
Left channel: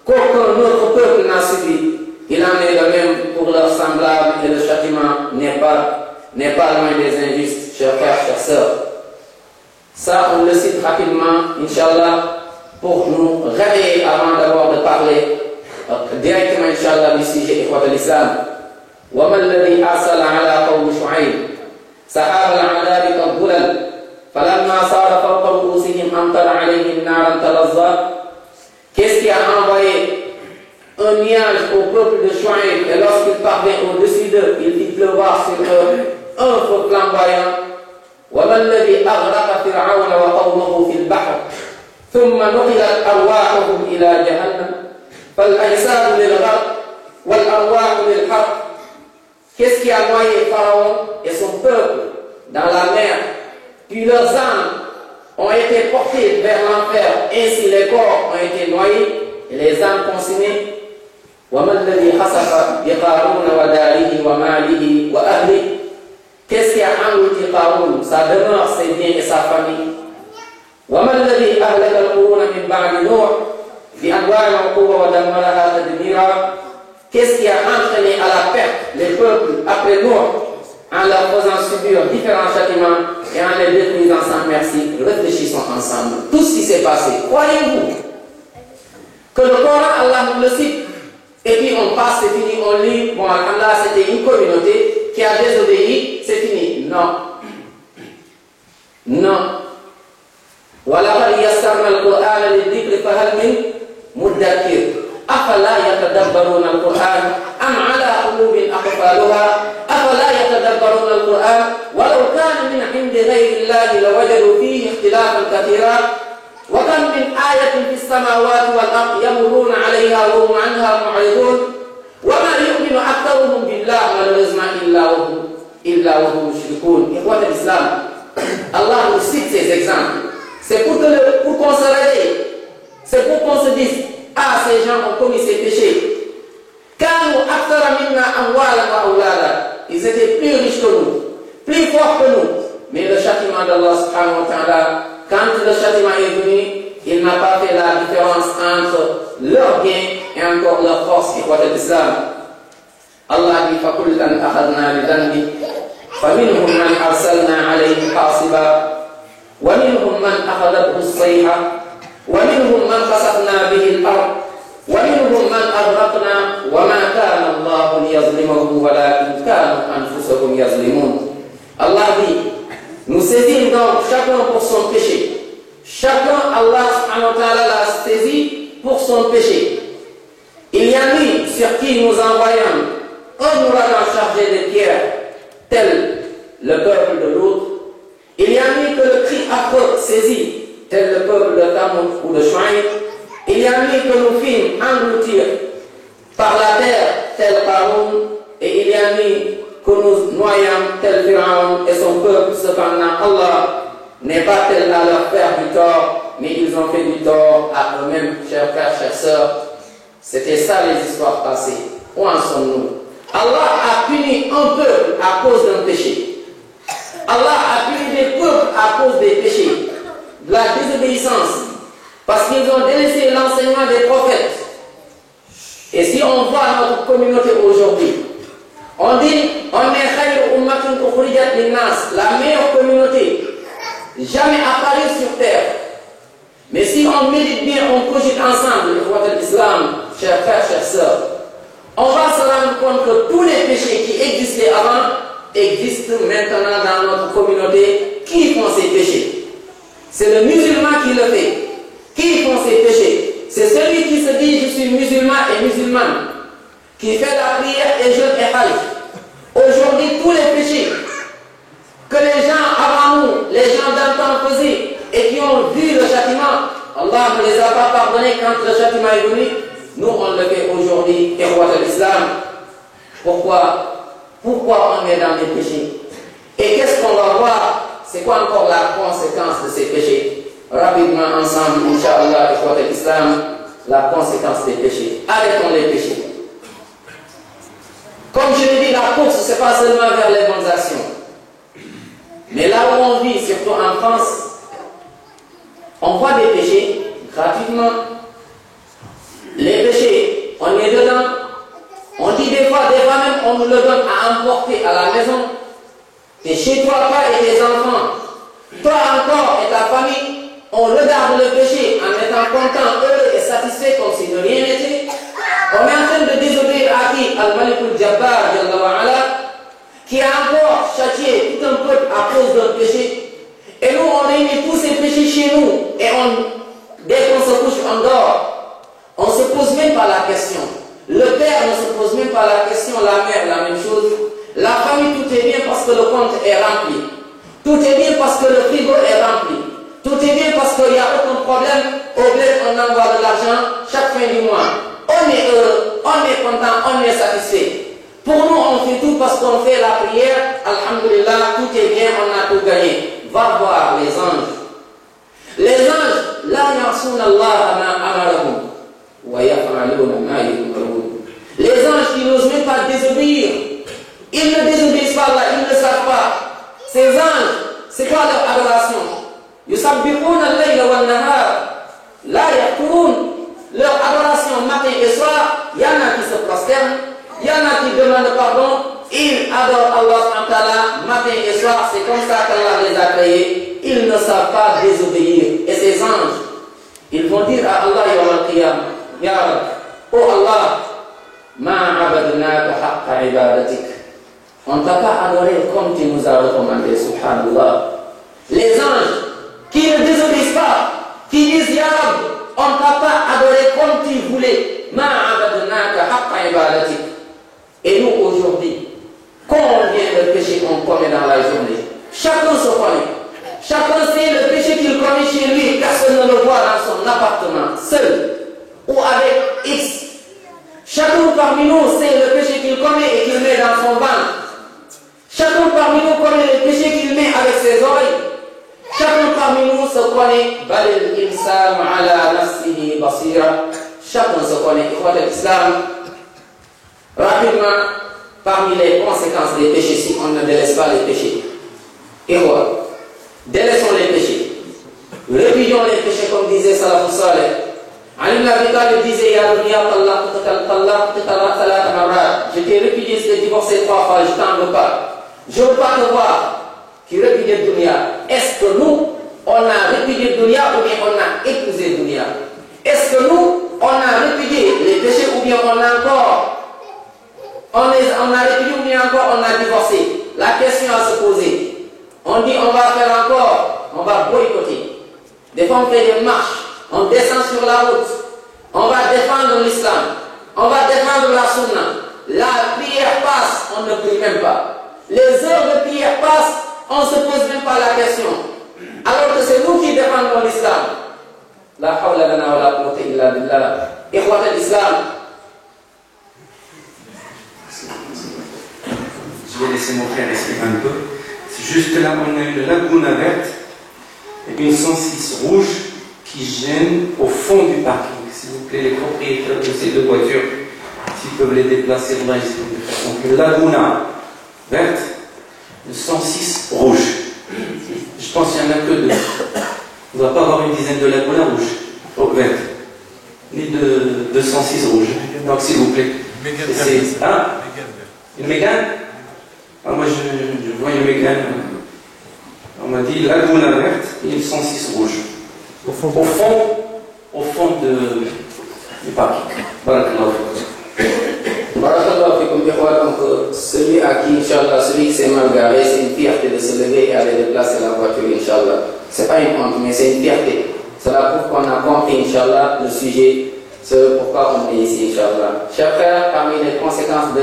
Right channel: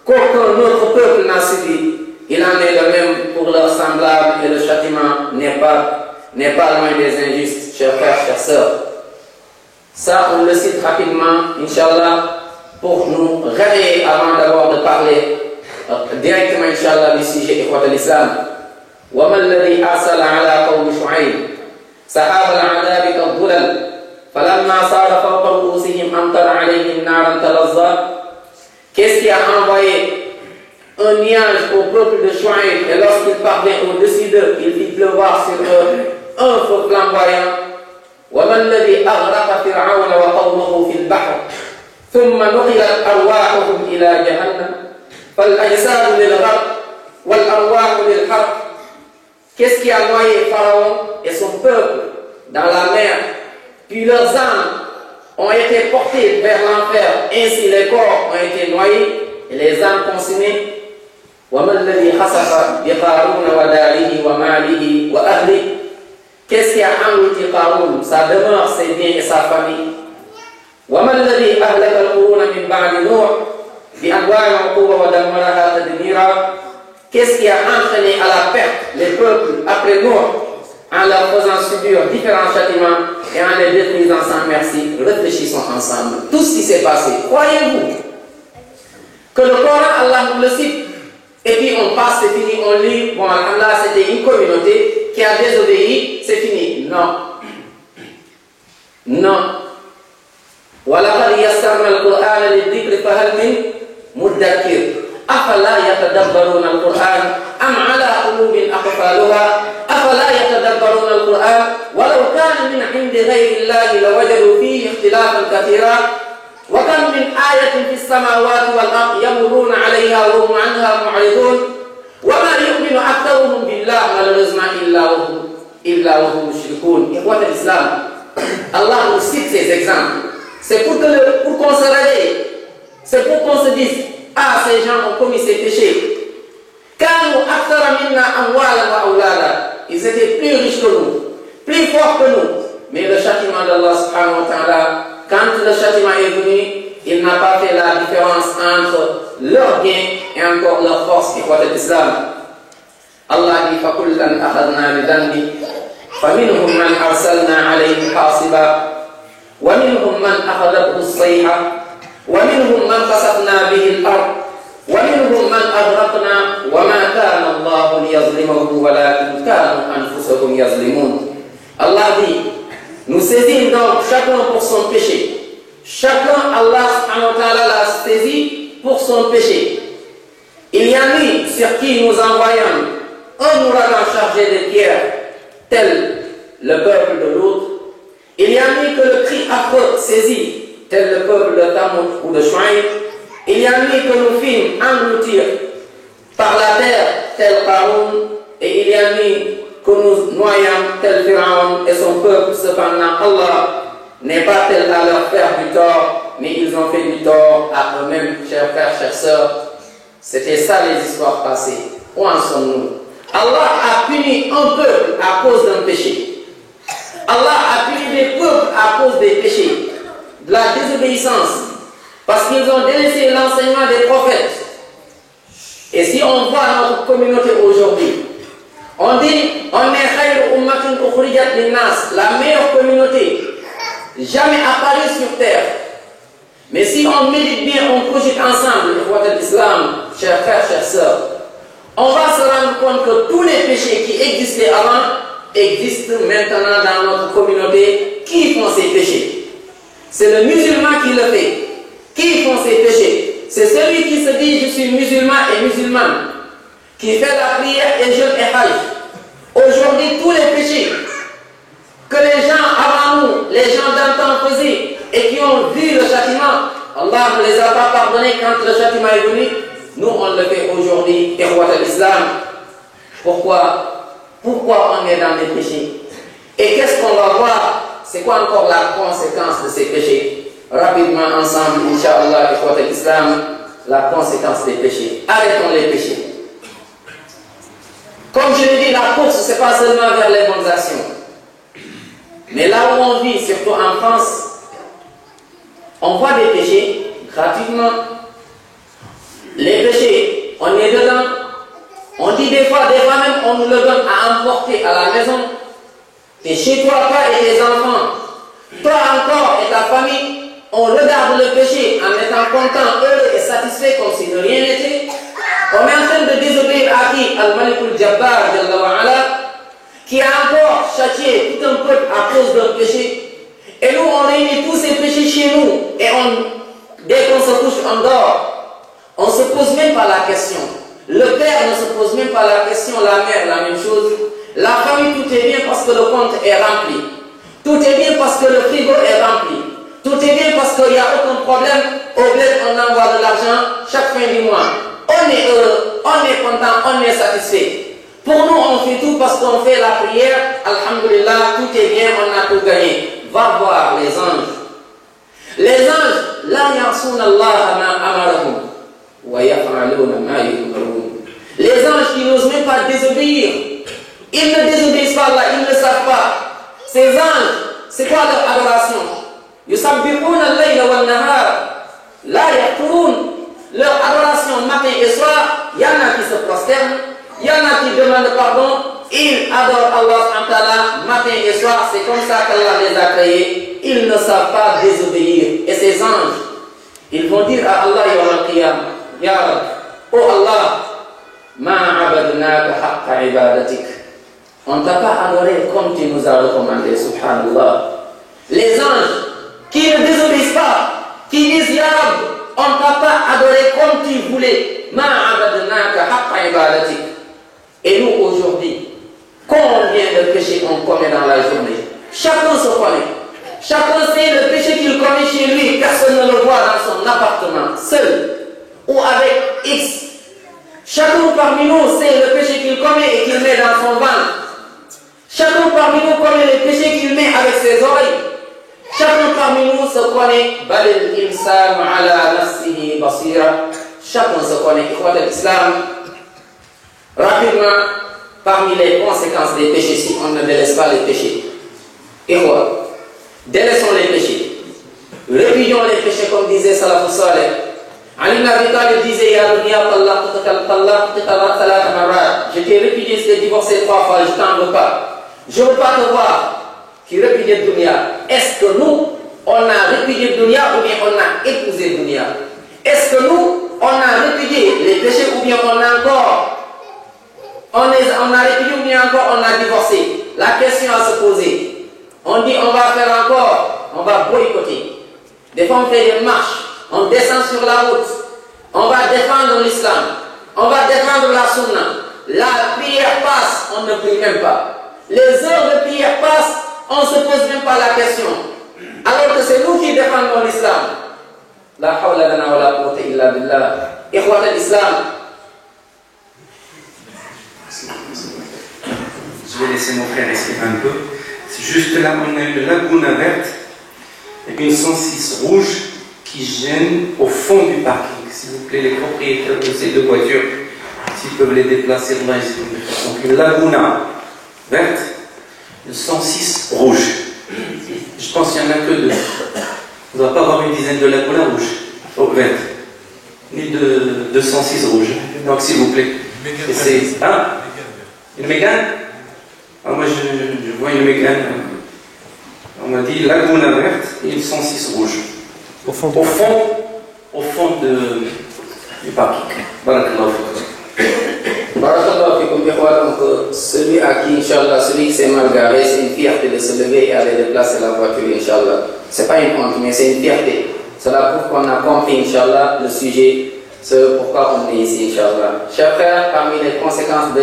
qu'aucun autre peuple n'a subi. Il en est de même pour leurs semblables et le châtiment n'est pas loin des injustes, chers frères, chères sœurs. Ça, on le cite rapidement, Inch'Allah, pour nous réveiller avant d'abord de parler directement, Inch'Allah, du sujet Ikhwat al-Islam. وَمَا الَّذِي أَرْسَلَ عَلَى قَوْمِ شُعَيْبٍ سَحَابَ الْعَذَابِ كَالظُّلَلِ فَلَمَّا صَارَ فَوْقَ رُؤُوسِهِمْ أَمْطَرَ عَلَيْهِمْ نَارًا تَلَظَّى. Qu'est-ce qui a envoyé un nuage au peuple de Shuaïb, et lorsqu'il parvint au-dessus d'eux, il fit pleuvoir sur eux un feu flamboyant. وَمَا الَّذِي أَغْرَقَ فِرْعَوْنَ وَقَوْمَهُ فِي الْبَحْرِ ثم نقلت أرواحهم إلى جهنم فالأجساد للغرق والأرواح للحرق. Qu'est-ce qui a noyé Pharaon et son peuple dans la mer? Puis leurs âmes ont été portées vers l'enfer, ainsi les corps ont été noyés et les âmes consumées. وَمَا الَّذِي خَسَفَ بِقَارُونَ وَدَارِهِ وَمَالِهِ وَأَهْلِهِ. Qu'est-ce qui a englouti Qaroun, sa demeure, ses biens et sa famille? وَمَا الَّذِي أَهْلَكَ الْقُرُونَ مِنْ بَعْدِ نُوحٍ بِأَنْوَاعِ الْعُقُوبَةِ وَدَمَّرَهَا تَدْمِيرًا. Qu'est-ce qui a entraîné à la perte les peuples après Noé en leur faisant subir différents châtiments et en les détruisant sans merci? Réfléchissons ensemble. Tout ce qui s'est passé, croyez-vous que le Coran, Allah nous le cite, et puis on passe, c'est fini, on lit, bon, Allah, c'était une communauté qui a désobéi, c'est fini? Non. Non. وَلَقَدْ يَسَّرْنَا الْقُرْآنَ لِلذِّكْرِ فَهَلْ مِن مُدَّكِرٍ أَفَلَا يَتَدَبَّرُونَ الْقُرْآنَ أَمْ عَلَى قُلُوبٍ أَقْفَالُهَا أَفَلَا يَتَدَبَّرُونَ الْقُرْآنَ وَلَوْ كَانَ مِنْ عِندِ غَيْرِ اللَّهِ لَوَجَدُوا فِيهِ اخْتِلَافًا كَثِيرًا وَكَمْ مِنْ آيَةٍ فِي السَّمَاوَاتِ وَالْأَرْضِ يَمُرُّونَ عَلَيْهَا وَهُمْ عَنْهَا مُعْرِضُونَ وَمَا يُؤْمِنُ أَكْثَرُهُم بِاللَّهِ malheureusement إِلَّا وَهُمْ مُشْرِكُونَ. Ikhwat al-Islam, Allah nous cite ces exemples. C'est pour qu'on se réveille. C'est pour qu'on se dise, ah, ces gens ont commis ces péchés. Ils étaient plus riches que nous, plus forts que nous. Mais le châtiment d'Allah subhanahu wa ta'ala, quand le châtiment est venu, il n'a pas fait la différence entre leur bien et encore leur force. Ikhwat al-Islam, Allah dit, فَكُلًّا أَخَذْنَا بِذَنبِهِ فَمِنْهُمْ مَنْ أَرْسَلْنَا عَلَيْهِ حَاصِبًا ومنهم من أخذته الصيحة ومنهم من خسفنا به الأرض ومنهم من أغرقنا وما كان الله يظلمهم ولكن كانوا أنفسهم يظلمون. Allah dit, nous saisissons donc chacun pour son péché. Chacun, Allah subhanahu wa ta'ala l'a saisi pour son péché. Il y a lui sur qui nous envoyons un ouragan chargé de pierres, tel le peuple de l'autre. Il y a lui que le cri affreux saisit, tel le peuple de Thamoud ou de Shuaïb. Il y a lui que nous fîmes engloutir par la terre, tel Qaroun. Et il y a lui que nous noyons, tel Pharaon et son peuple. Cependant, Allah n'est pas tel à leur faire du tort, mais ils ont fait du tort à eux-mêmes, chers frères, chères sœurs. C'était ça les histoires passées. Où en sommes-nous? Allah a puni un peuple à cause d'un péché. Allah a puni des peuples à cause des péchés, de la désobéissance, parce qu'ils ont délaissé l'enseignement des prophètes. Et si on voit notre communauté aujourd'hui, on dit on est khayru ummatin ukhrijat linnas, la meilleure communauté jamais apparue sur terre. Mais si on médite bien, on cogite ensemble, l'islam, chers frères, chères sœurs, on va se rendre compte que tous les péchés qui existaient avant existent maintenant dans notre communauté. Qui font ces péchés? C'est le musulman qui le fait. Qui font ces péchés? C'est celui qui se dit je suis musulman et musulmane, qui fait la prière et jeûne et hajj. Aujourd'hui, tous les péchés que les gens avant nous, les gens d'antan faisaient et qui ont vu le châtiment, Allah ne les a pas pardonnés quand le châtiment est venu. Nous, on le fait aujourd'hui, Ikhwat al-Islam. Pourquoi on est dans les péchés? Et qu'est-ce qu'on va voir? C'est quoi encore la conséquence de ces péchés? Rapidement ensemble, Inch'Allah, Ikhwat al-Islam, la conséquence des péchés. Arrêtons les péchés. Comme je l'ai dit, la course, ce n'est pas seulement vers les bonnes actions. Mais là où on vit, surtout en France, on voit des péchés gratuitement. Les péchés, on est dedans. On dit des fois même, on nous le donne à emporter à la maison. Et chez toi, toi et tes enfants, toi encore et ta famille, on regarde le péché en étant content, heureux et satisfait comme si de rien n'était. On est en train de désobéir à qui? Al-Malikul Jabbar, qui a encore châtié tout un peuple à cause d'un péché. Et nous, on réunit tous ces péchés chez nous. Et dès qu'on se couche, on dort. On ne se pose même pas la question. Le père ne se pose même pas la question, la mère, la même chose. La famille, tout est bien parce que le compte est rempli. Tout est bien parce que le frigo est rempli. Tout est bien parce qu'il n'y a aucun problème. Au bled, on envoie de l'argent chaque fin du mois. On est heureux, on est content, on est satisfait. Pour nous, on fait tout parce qu'on fait la prière. Alhamdulillah, tout est bien, on a tout gagné. Va voir les anges. Les anges, la ya'souna Allah ma amarahum wa yaf'aluna ma yu'marun. Les anges qui n'osent même pas désobéir. Ils ne désobéissent pas Allah, ils ne savent pas. Ces anges, c'est quoi leur adoration? Yusabbihuna al-layla wal-nahar la yaqturun. Leur adoration matin et soir, il y en a qui se prosternent, il y en a qui demandent pardon, ils adorent Allah matin et soir, c'est comme ça qu'Allah les a créés. Ils ne savent pas désobéir. Et ces anges, ils vont dire à Allah yawm al-qiyam, Ya Rab, oh Allah, ma abadnaka haqqa ibadatik. On ne t'a pas adoré comme tu nous as recommandé, subhanallah. Les anges qui ne désobéissent pas, qui disent Ya Rab, on ne t'a pas adoré comme tu voulais. Ma abadnaka haqqa ibadatik. Et nous aujourd'hui, combien de péchés on commet dans la journée? Chacun se connaît. Chacun sait le péché qu'il commet chez lui. Personne ne le voit dans son appartement, seul ou avec X. Chacun parmi nous sait le péché qu'il commet et qu'il met dans son ventre. Chacun parmi nous connaît le péché qu'il met avec ses oreilles. Chacun parmi nous se connaît. Balil insanu ala nafsihi basira. Chacun se connaît. Ikhwat al-Islam. Rapidement, parmi les conséquences des péchés, si on ne délaisse pas les péchés. Ikhwat, délaissons les péchés. Répudions les péchés comme disait Salafus Saleh. Ali ibn Abi Talib disait Ya dunya talaqtuka thalatha marrat. Je t'ai répudié, je t'ai divorcé 3 fois, je t'en veux pas. Je ne veux pas te voir qui répudie dunya. Est-ce que nous, on a répudié dunya ou bien on a épousé dunya? Est-ce que nous, on a répudié les péchés ou bien on a encore on a on a divorcé, la question à se poser. On dit on va faire encore, on va boycotter. Des fois on fait des marches, on descend sur la route, on va défendre l'islam, on va défendre la sunna. La prière passe, on ne prie même pas. Les heures de prière passent, on ne se pose même pas la question. Alors que c'est nous qui défendons l'islam. La hawla lana wa la quwwata illa billah. Ikhwat al-Islam. Je vais laisser mon frère expliquer un peu. C'est juste là, on a une lagune verte et une 106 rouge qui gêne au fond du parking. S'il vous plaît, les propriétaires de ces deux voitures, s'ils peuvent les déplacer, donc une laguna verte, une 106 rouge. Je pense qu'il n'y en a que deux. On ne doit pas avoir une dizaine de lagunas rouges, vertes, ni de 106 rouges. Donc s'il vous plaît. Une Mégane. Ah, moi je vois une Mégane. On m'a dit laguna verte et une 106 rouge. Au fond du parking. Barakallahu fikum. Donc celui à qui, Inch'Allah, celui qui s'est mal garé, c'est une fierté de se lever et aller déplacer la voiture, Inch'Allah. C'est pas une honte, mais c'est une fierté. Cela prouve qu'on a compris, Inch'Allah, le sujet, ce pourquoi on est ici, Inch'Allah. Chers frères, parmi les conséquences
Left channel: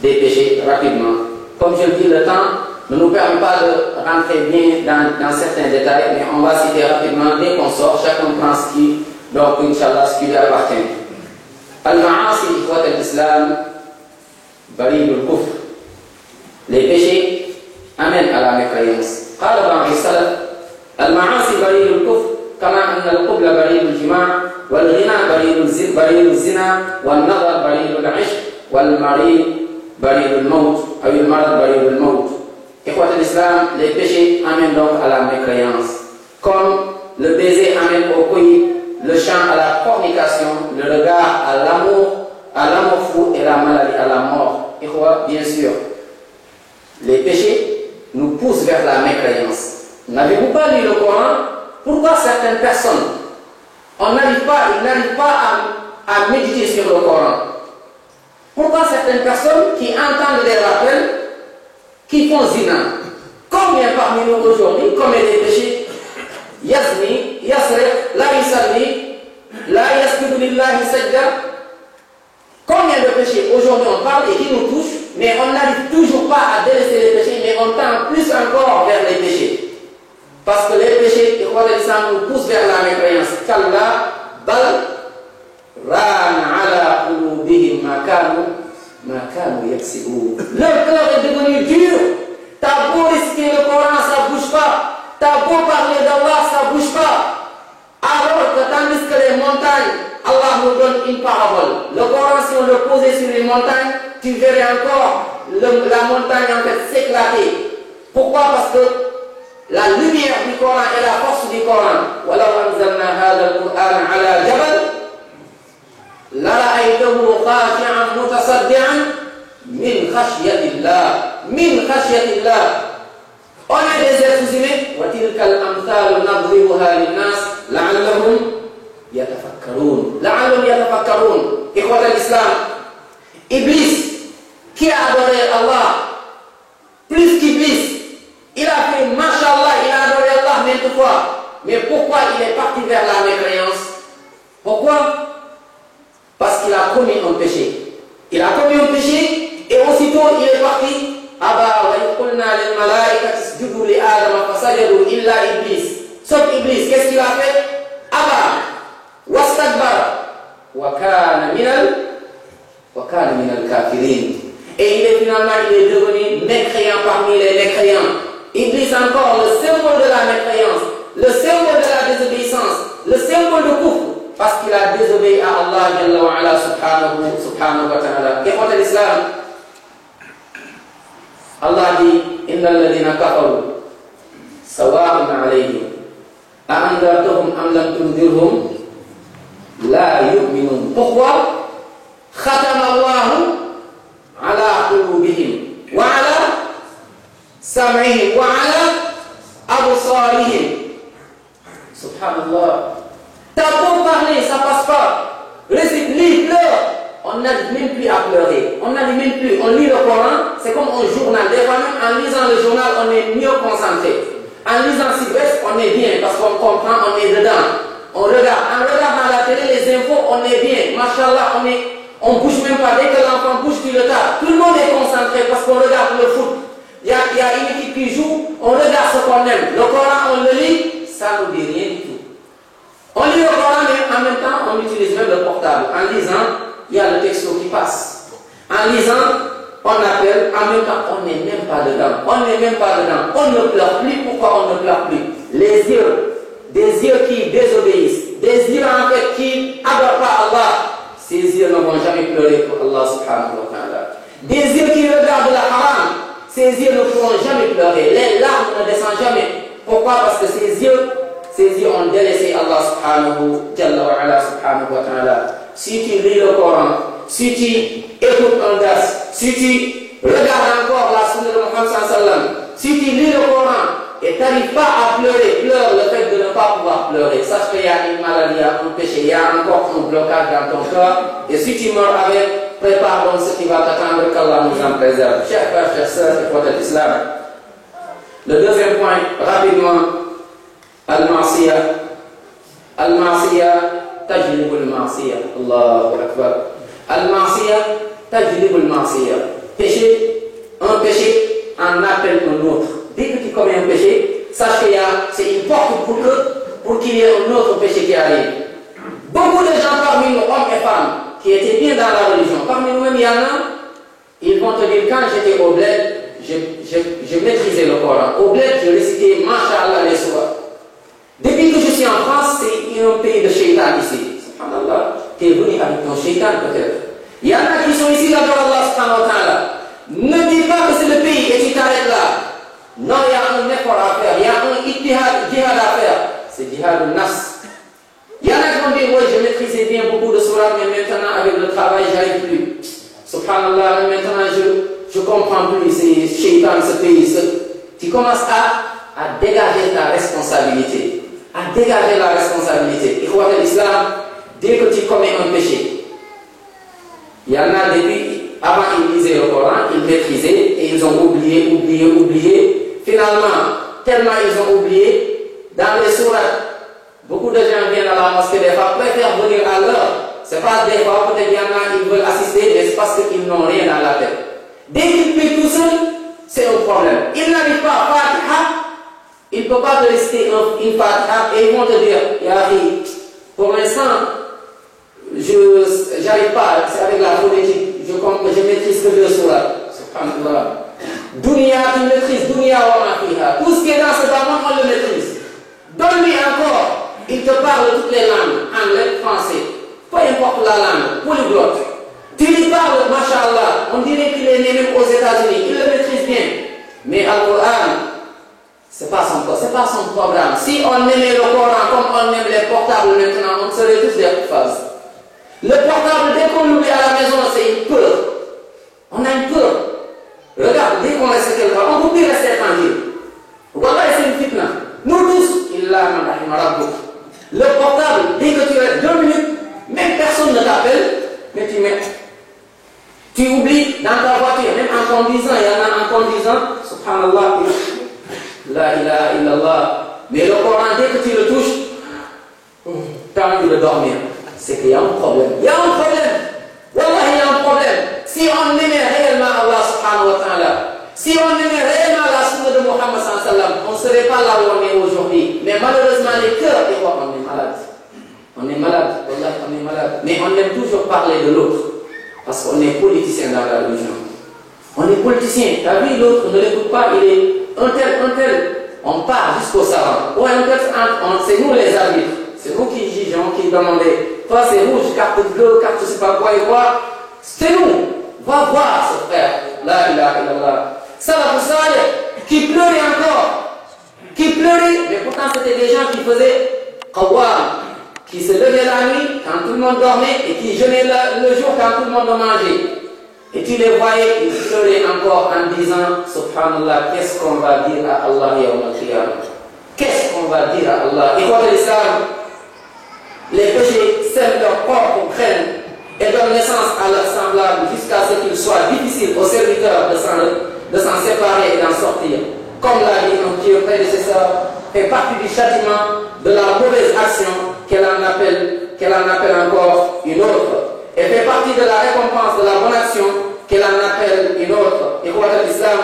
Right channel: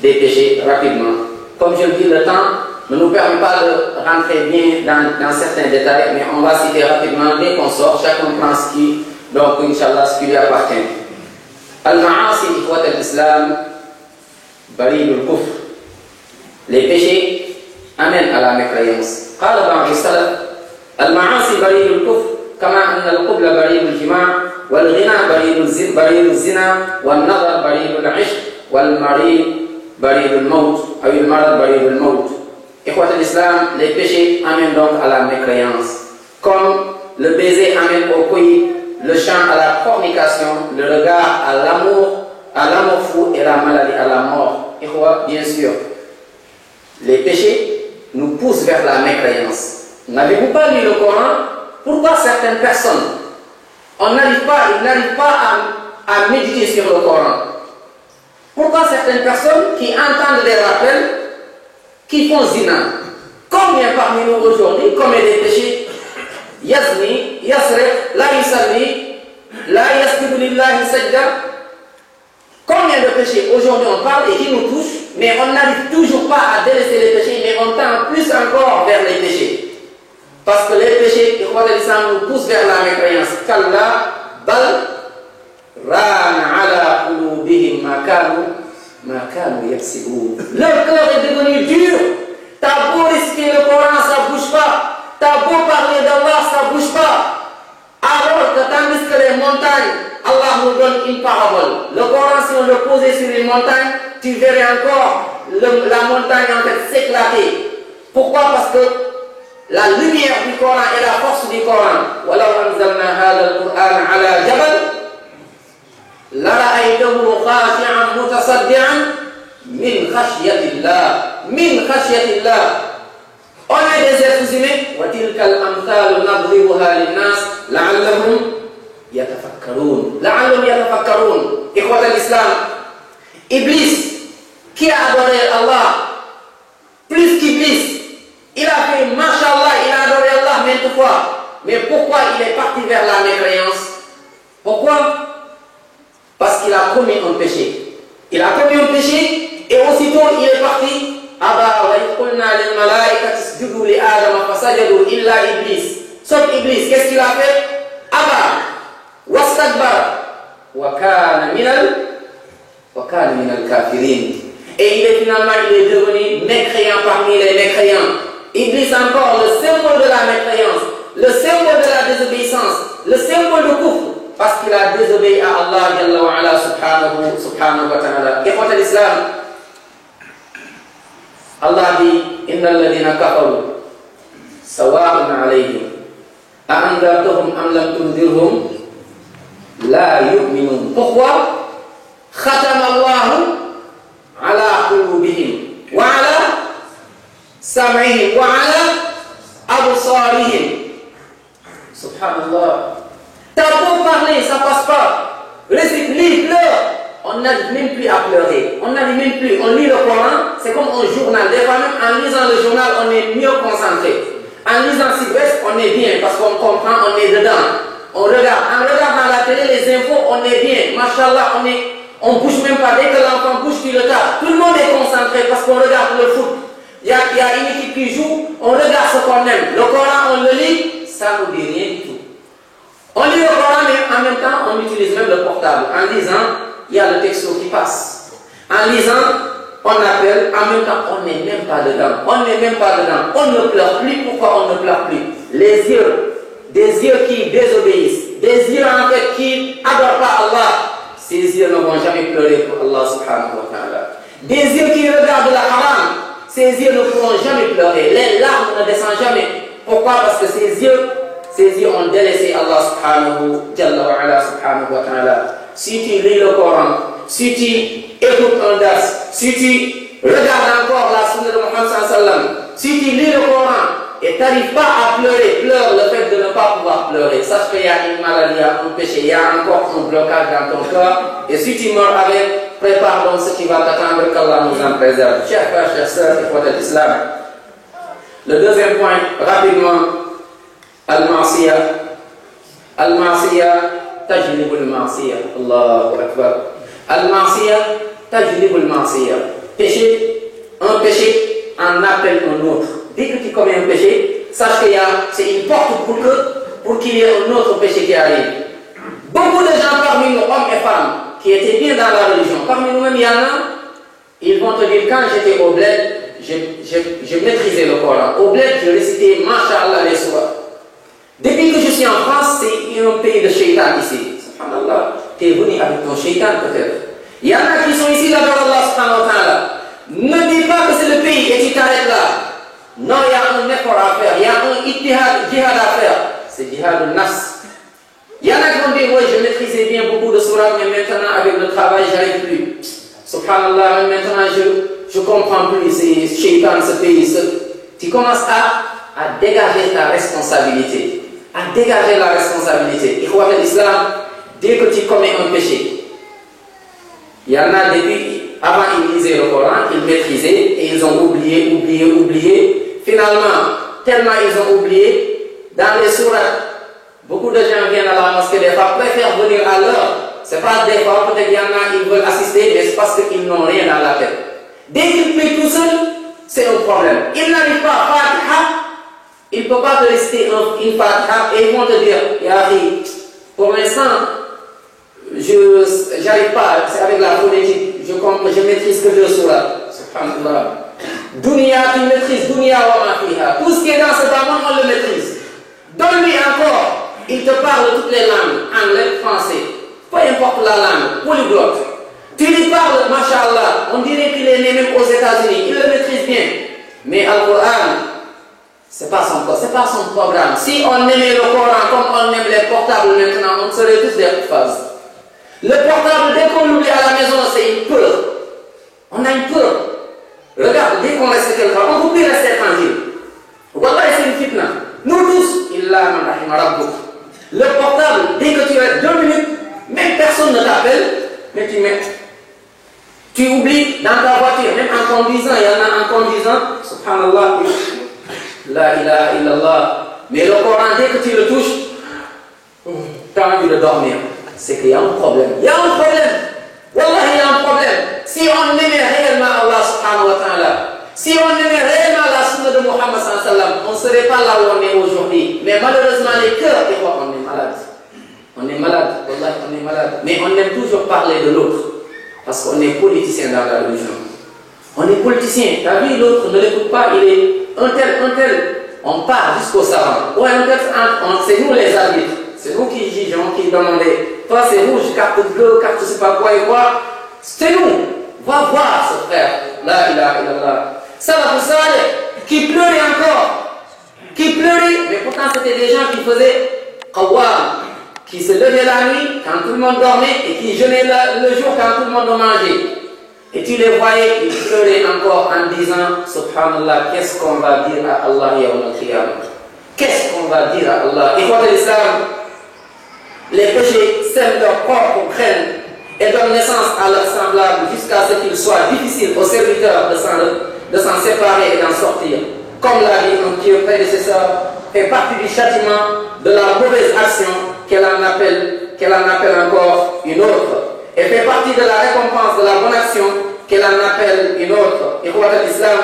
des péchés, rapidement. Comme je le dis, le temps ne nous permet pas de rentrer bien dans certains détails, mais on va citer rapidement dès qu'on sort, chacun prend ce qui, donc, Inch'Allah, ce qui lui appartient. Al-Ma'asi, Ikhwat al-Islam, Barid al-Kufr. Les péchés amènent à la mécréance. قال بعض السلف المعاصي بريد الكفر كما أن القبل بريد الجماع والغنى بريد الزنا والنظر بريد العشق والمريض بريد الموت أو المرض بريد الموت. Ikhwat al-Islam, les péchés amènent donc à la mécréance. Comme le baiser amène au couilles, le chant à la fornication, le regard à l'amour fou et la maladie à la mort. Ikhwat, bien sûr, les péchés nous poussent vers la mécréance. N'avez-vous pas lu le Coran? Pourquoi certaines personnes, ils n'arrivent pas à méditer sur le Coran? Pourquoi certaines personnes qui entendent des rappels, qui font zina? Combien parmi nous aujourd'hui commettent des péchés? Yazni, yasrif, la yusalli, la yasjudu lillahi sajda. Combien de péchés aujourd'hui on parle et qui nous touchent, mais on n'arrive toujours pas à délaisser les péchés, mais on tend plus encore vers les péchés. Parce que les péchés, l'islam nous poussent vers la mécréance. Kalla bal rana ala qulubihim ma kanu yaksibun. Leur cœur est devenu dur. T'as beau risquer le Coran, ça bouge pas. T'as beau parler d'Allah, ça bouge pas. Alors que tandis que les montagnes, Allah nous donne une parabole. Le Coran, si on le posait sur une montagne, tu verrais encore la montagne en fait s'éclater. Pourquoi? Parce que la lumière du Coran et la force du Coran. وَلَوْ أَنزَلْنَا هَذَا الْقُرْآنَ عَلَى جَبَلٍ لَرَأَيْتَهُ خَاشِعًا مُتَصَدِّعًا مِنْ خَشْيَةِ اللَّهِ مِنْ خَشْيَةِ اللَّهِ. On est des êtres humains. وَتِلْكَ الْأَمْثَالُ نَضْرِبُهَا لِلنَّاسِ لَعَلَّهُمْ يَتَفَكَّرُونَ. لَعَلَّهُمْ يَتَفَكَّرُونَ. Ikhwat al-Islam, Iblis, qui a adoré Allah, plus qu'Iblis, il a fait, mashallah, il a adoré Allah maintes fois. Mais pourquoi il est parti vers la mécréance? Pourquoi? Parce qu'il a commis un péché. Il a commis un péché et aussitôt il est parti. Aba wa yaqulna lil malaikati isjudu li Adam fasajadu illa Iblis. Sauf Iblis, qu'est-ce qu'il a fait? Aba wastakbara wa kana minal kafirin. Et il est devenu mécréant parmi les mécréants. Iblis encore, le symbole de la mécréance, le symbole de la désobéissance, le symbole de kufr, parce qu'il a désobéi à Allah Jalla wa ala subhanahu wa ta'ala. Ikhwat al-Islam, Allah dit Inna alladhina kafaru sawa'un alayhim a'andartuhum am lam tundirhum la yu'minun. Pourquoi? Khatama Allahu ala qulubihim wa ala sam'ihim wa ala absarihim. Subhanallah. T'as beau parler, ça passe pas. Récite, lis, pleure. On on n'arrive même plus à pleurer. On n'arrive même plus. On lit le Coran, c'est comme un journal. Des fois même en lisant le journal, on est mieux concentré. En lisant Sud-Ouest, on est bien parce qu'on comprend, on est dedans. On regarde. En regardant la télé, les infos, on est bien. Machallah, on bouge même pas. Dès que l'enfant bouge, tu le tapes. Tout le monde est concentré parce qu'on regarde le foot. Il y a une équipe qui joue, on regarde ce qu'on aime. Le Coran, on le lit, ça ne nous dit rien du tout. On lit le Coran, mais en même temps, on utilise même le portable. En lisant, il y a le texto qui passe. En lisant, on appelle, en même temps, on n'est même pas dedans. On n'est même pas dedans. On ne pleure plus. Pourquoi on ne pleure plus? Les yeux, des yeux qui désobéissent, des yeux en fait qui n'adorent pas Allah, ces yeux ne vont jamais pleurer pour Allah subhanahu wa ta'ala. Des yeux qui regardent la haram, ces yeux ne pourront jamais pleurer. Les larmes ne descendent jamais. Pourquoi? Parce que ces yeux ont délaissé Allah subhanahu wa ta'ala. Si tu lis le Coran, si tu écoutes un dars, si tu regardes encore la sunna de Muhammad sallallahu alayhi wa sallam, si tu lis le Coran et tu n'arrives pas à pleurer, pleure le fait de ne pas pouvoir pleurer. Sache qu'il y a une maladie, il y a un péché, il y a encore un blocage dans ton corps. Et si tu meurs avec, prépare donc ce qui va t'attendre, qu'Allah nous en préserve. Chers frères, chers sœurs, et prophètes d'Islam. Le deuxième point, rapidement, Al-Ma'siyah. Al-Ma'siyah, tajlibul ma'siyah. Allahu Akbar. Al-Ma'siyah, tajlibul ma'siyah. Péché, un péché en appelle un autre. Dès que tu commets un péché, sache que c'est une porte pour qu'il y ait un autre péché qui arrive. Beaucoup de gens parmi nous, hommes et femmes, qui étaient bien dans la religion, parmi nous-mêmes, il y en a, ils vont te dire, quand j'étais au bled, je maîtrisais le Coran. Au bled, je récitais Masha'Allah les soirs. Depuis que je suis en France, c'est un pays de shaitan ici. Subhanallah, tu es venu avec ton shaitan peut-être. Il y en a qui sont ici là-bas, Allah subhanahu wa ta'ala. Ne dis pas que c'est le pays et tu t'arrêtes là. Non, il y a un effort à faire, il y a un jihad à faire. C'est jihad al-nafs. Il y en a qui vont dire, oui, je maîtrisais bien beaucoup de surah, mais maintenant avec le travail, j'arrive plus. Subhanallah, maintenant je comprends plus, c'est shaitan, ce pays. Tu commences à dégager ta responsabilité. À dégager la responsabilité. Ikhwat al-Islam, dès que tu commets un péché, il y en a depuis, avant ils lisaient le Coran, ils maîtrisaient et ils ont oublié. Finalement, tellement ils ont oublié, dans les sourates, beaucoup de gens viennent à la mosquée des fois, préfèrent venir à l'heure. C'est pas des fois, peut-être qu'il y en a qui veulent assister, mais c'est parce qu'ils n'ont rien dans la tête. Dès qu'ils prient tout seul, c'est un problème. Ils n'arrivent pas à Fatiha, ils ne peuvent pas te réciter une Fatiha et ils vont te dire, Yahri, pour l'instant, je n'arrive pas, c'est avec la phonétique, je maîtrise que 2 sourates. Subhanallah. Dunya, tu maîtrises, Dunya wa ma fiha. Tout ce qui est dans ce bas-monde, on le maîtrise. Donne-lui encore, il te parle toutes les langues, anglais, français, peu importe la langue, polyglotte. Tu lui parles, mashallah, on dirait qu'il est né même aux États-Unis, il le maîtrise bien. Mais Al-Qur'an, c'est pas son programme. Si on aimait le Coran comme on aime les portables maintenant, on serait tous des phases. Le portable, dès qu'on l'oublie à la maison, c'est une peur. On a une peur. Regarde, dès qu'on reste quelque part, on ne peut plus rester tranquille. Wallah, c'est une fitna. Nous tous, illa man rahima rabbuk. Le portable, dès que tu restes 2 minutes, même personne ne t'appelle, mais tu oublies dans ta voiture, même en conduisant, il y en a en conduisant, subhanallah, la ilaha illallah. Mais le Coran, dès que tu le touches, tu as envie de dormir. C'est qu'il y a un problème. Il y a un problème. Wallah, il y a un problème. Si on aimait réellement Allah subhanahu wa ta'ala, si on aimait réellement la sunna de Muhammad sallallahu alayhi wa sallam, on ne serait pas là où on est aujourd'hui. Mais malheureusement, les cœurs, des fois, on est malade. On est malade. Wallah, on est malade. Mais on aime toujours parler de l'autre. Parce qu'on est politicien dans la religion. On est politicien. Tu as vu, l'autre ne l'écoute pas, il est un tel. On part jusqu'au savant. Ouais, c'est nous les arbitres. C'est nous qui jugeons, qui demandons. Toi, c'est rouge, carte bleue, carte je sais pas quoi et quoi. C'est nous. Va voir ce frère. La ilaha illallah. Salafus Salih, qui pleurait encore. Qui pleurait, mais pourtant c'était des gens qui faisaient qawwam, qui se levaient la nuit quand tout le monde dormait et qui jeûnaient le jour quand tout le monde mangeait. Et tu les voyais, ils pleuraient encore en disant, subhanallah, qu'est-ce qu'on va dire à Allah yawm al-qiyamah? Qu'est-ce qu'on va dire à Allah? Et quoi que l'islam, les péchés sèment leur propre graine. et donnent naissance à leurs semblables jusqu'à ce qu'il soit difficile aux serviteurs de s'en séparer et d'en sortir. Comme l'a dit un pieux prédécesseur, fait partie du châtiment de la mauvaise action qu'elle en appelle encore une autre. Et fait partie de la récompense de la bonne action qu'elle en appelle une autre. Ikhwat al-Islam,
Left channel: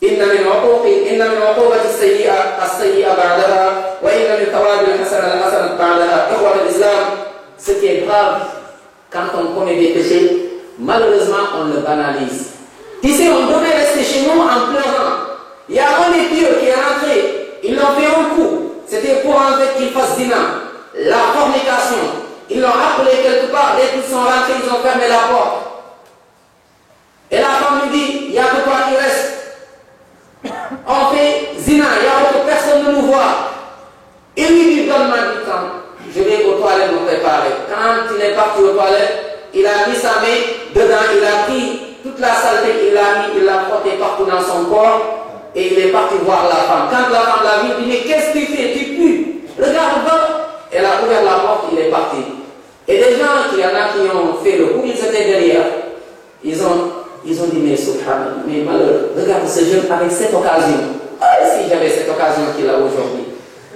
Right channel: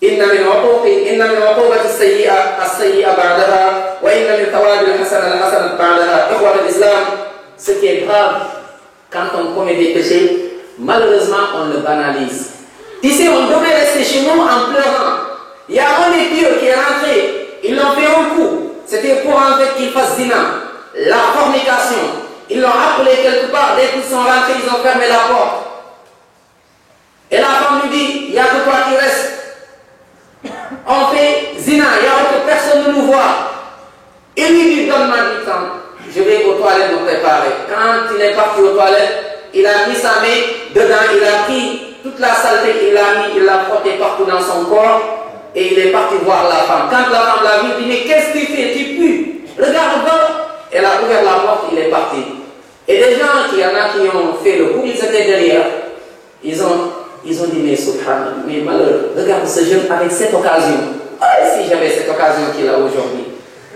inna min uqubati as-sayyi'a ba'daha wa inna min thawabi al-hasanati ba'daha. Ikhwat al-Islam, ce qui est grave quand on commet des péchés, malheureusement on le banalise. Ici on devait rester chez nous en pleurant. Il y a un des pieux qui est rentré, ils l'ont fait un coup. C'était pour en fait qu'il fasse zina, la fornication. Ils l'ont appelé quelque part, dès qu'ils sont rentrés, ils ont fermé la porte. Et la femme lui dit, il y a que toi qui reste. On fait zina, il y a autre personne de nous voir. Il lui dit, donne-moi du temps, je vais aux toilettes me préparer. Quand il est parti aux toilettes, il a mis sa main dedans, il a pris toute la saleté, il l'a frotté partout dans son corps. Et il est parti voir la femme. Quand la femme l'a vu, il dit, mais qu'est-ce que tu fais? Tu pues. Regarde-moi. Elle a ouvert la porte, il est parti. Et des gens, il y en a qui ont fait le coup, ils étaient derrière. Ils ont dit, mais subhanallah, mais malheureux, regarde ce jeune avec cette occasion. Ah, si j'avais cette occasion qu'il a aujourd'hui.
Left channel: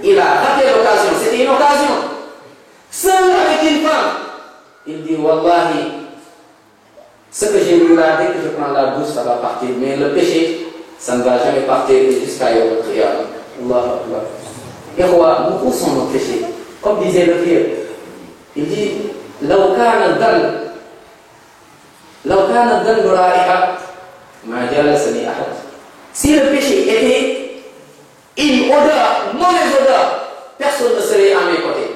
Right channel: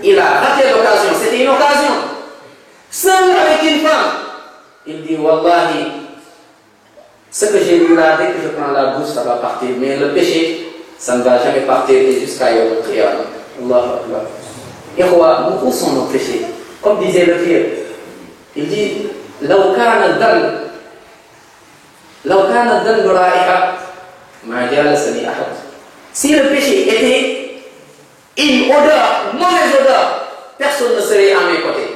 Il a raté l'occasion, c'était une occasion. Seul avec une femme. Il dit, wallahi, ce que j'ai vu là, dès que je prends la douche, ça va partir. Mais le péché, ça ne va jamais partir jusqu'à Yawm al-Qiyamah. Allahu Akbar. Ikhwa, où sont nos péchés? Comme disait le pieux, il dit, لو كان الذنب رائحة ما جالسني أحد. Si le péché était une odeur, mauvaise odeur, personne ne serait à mes côtés.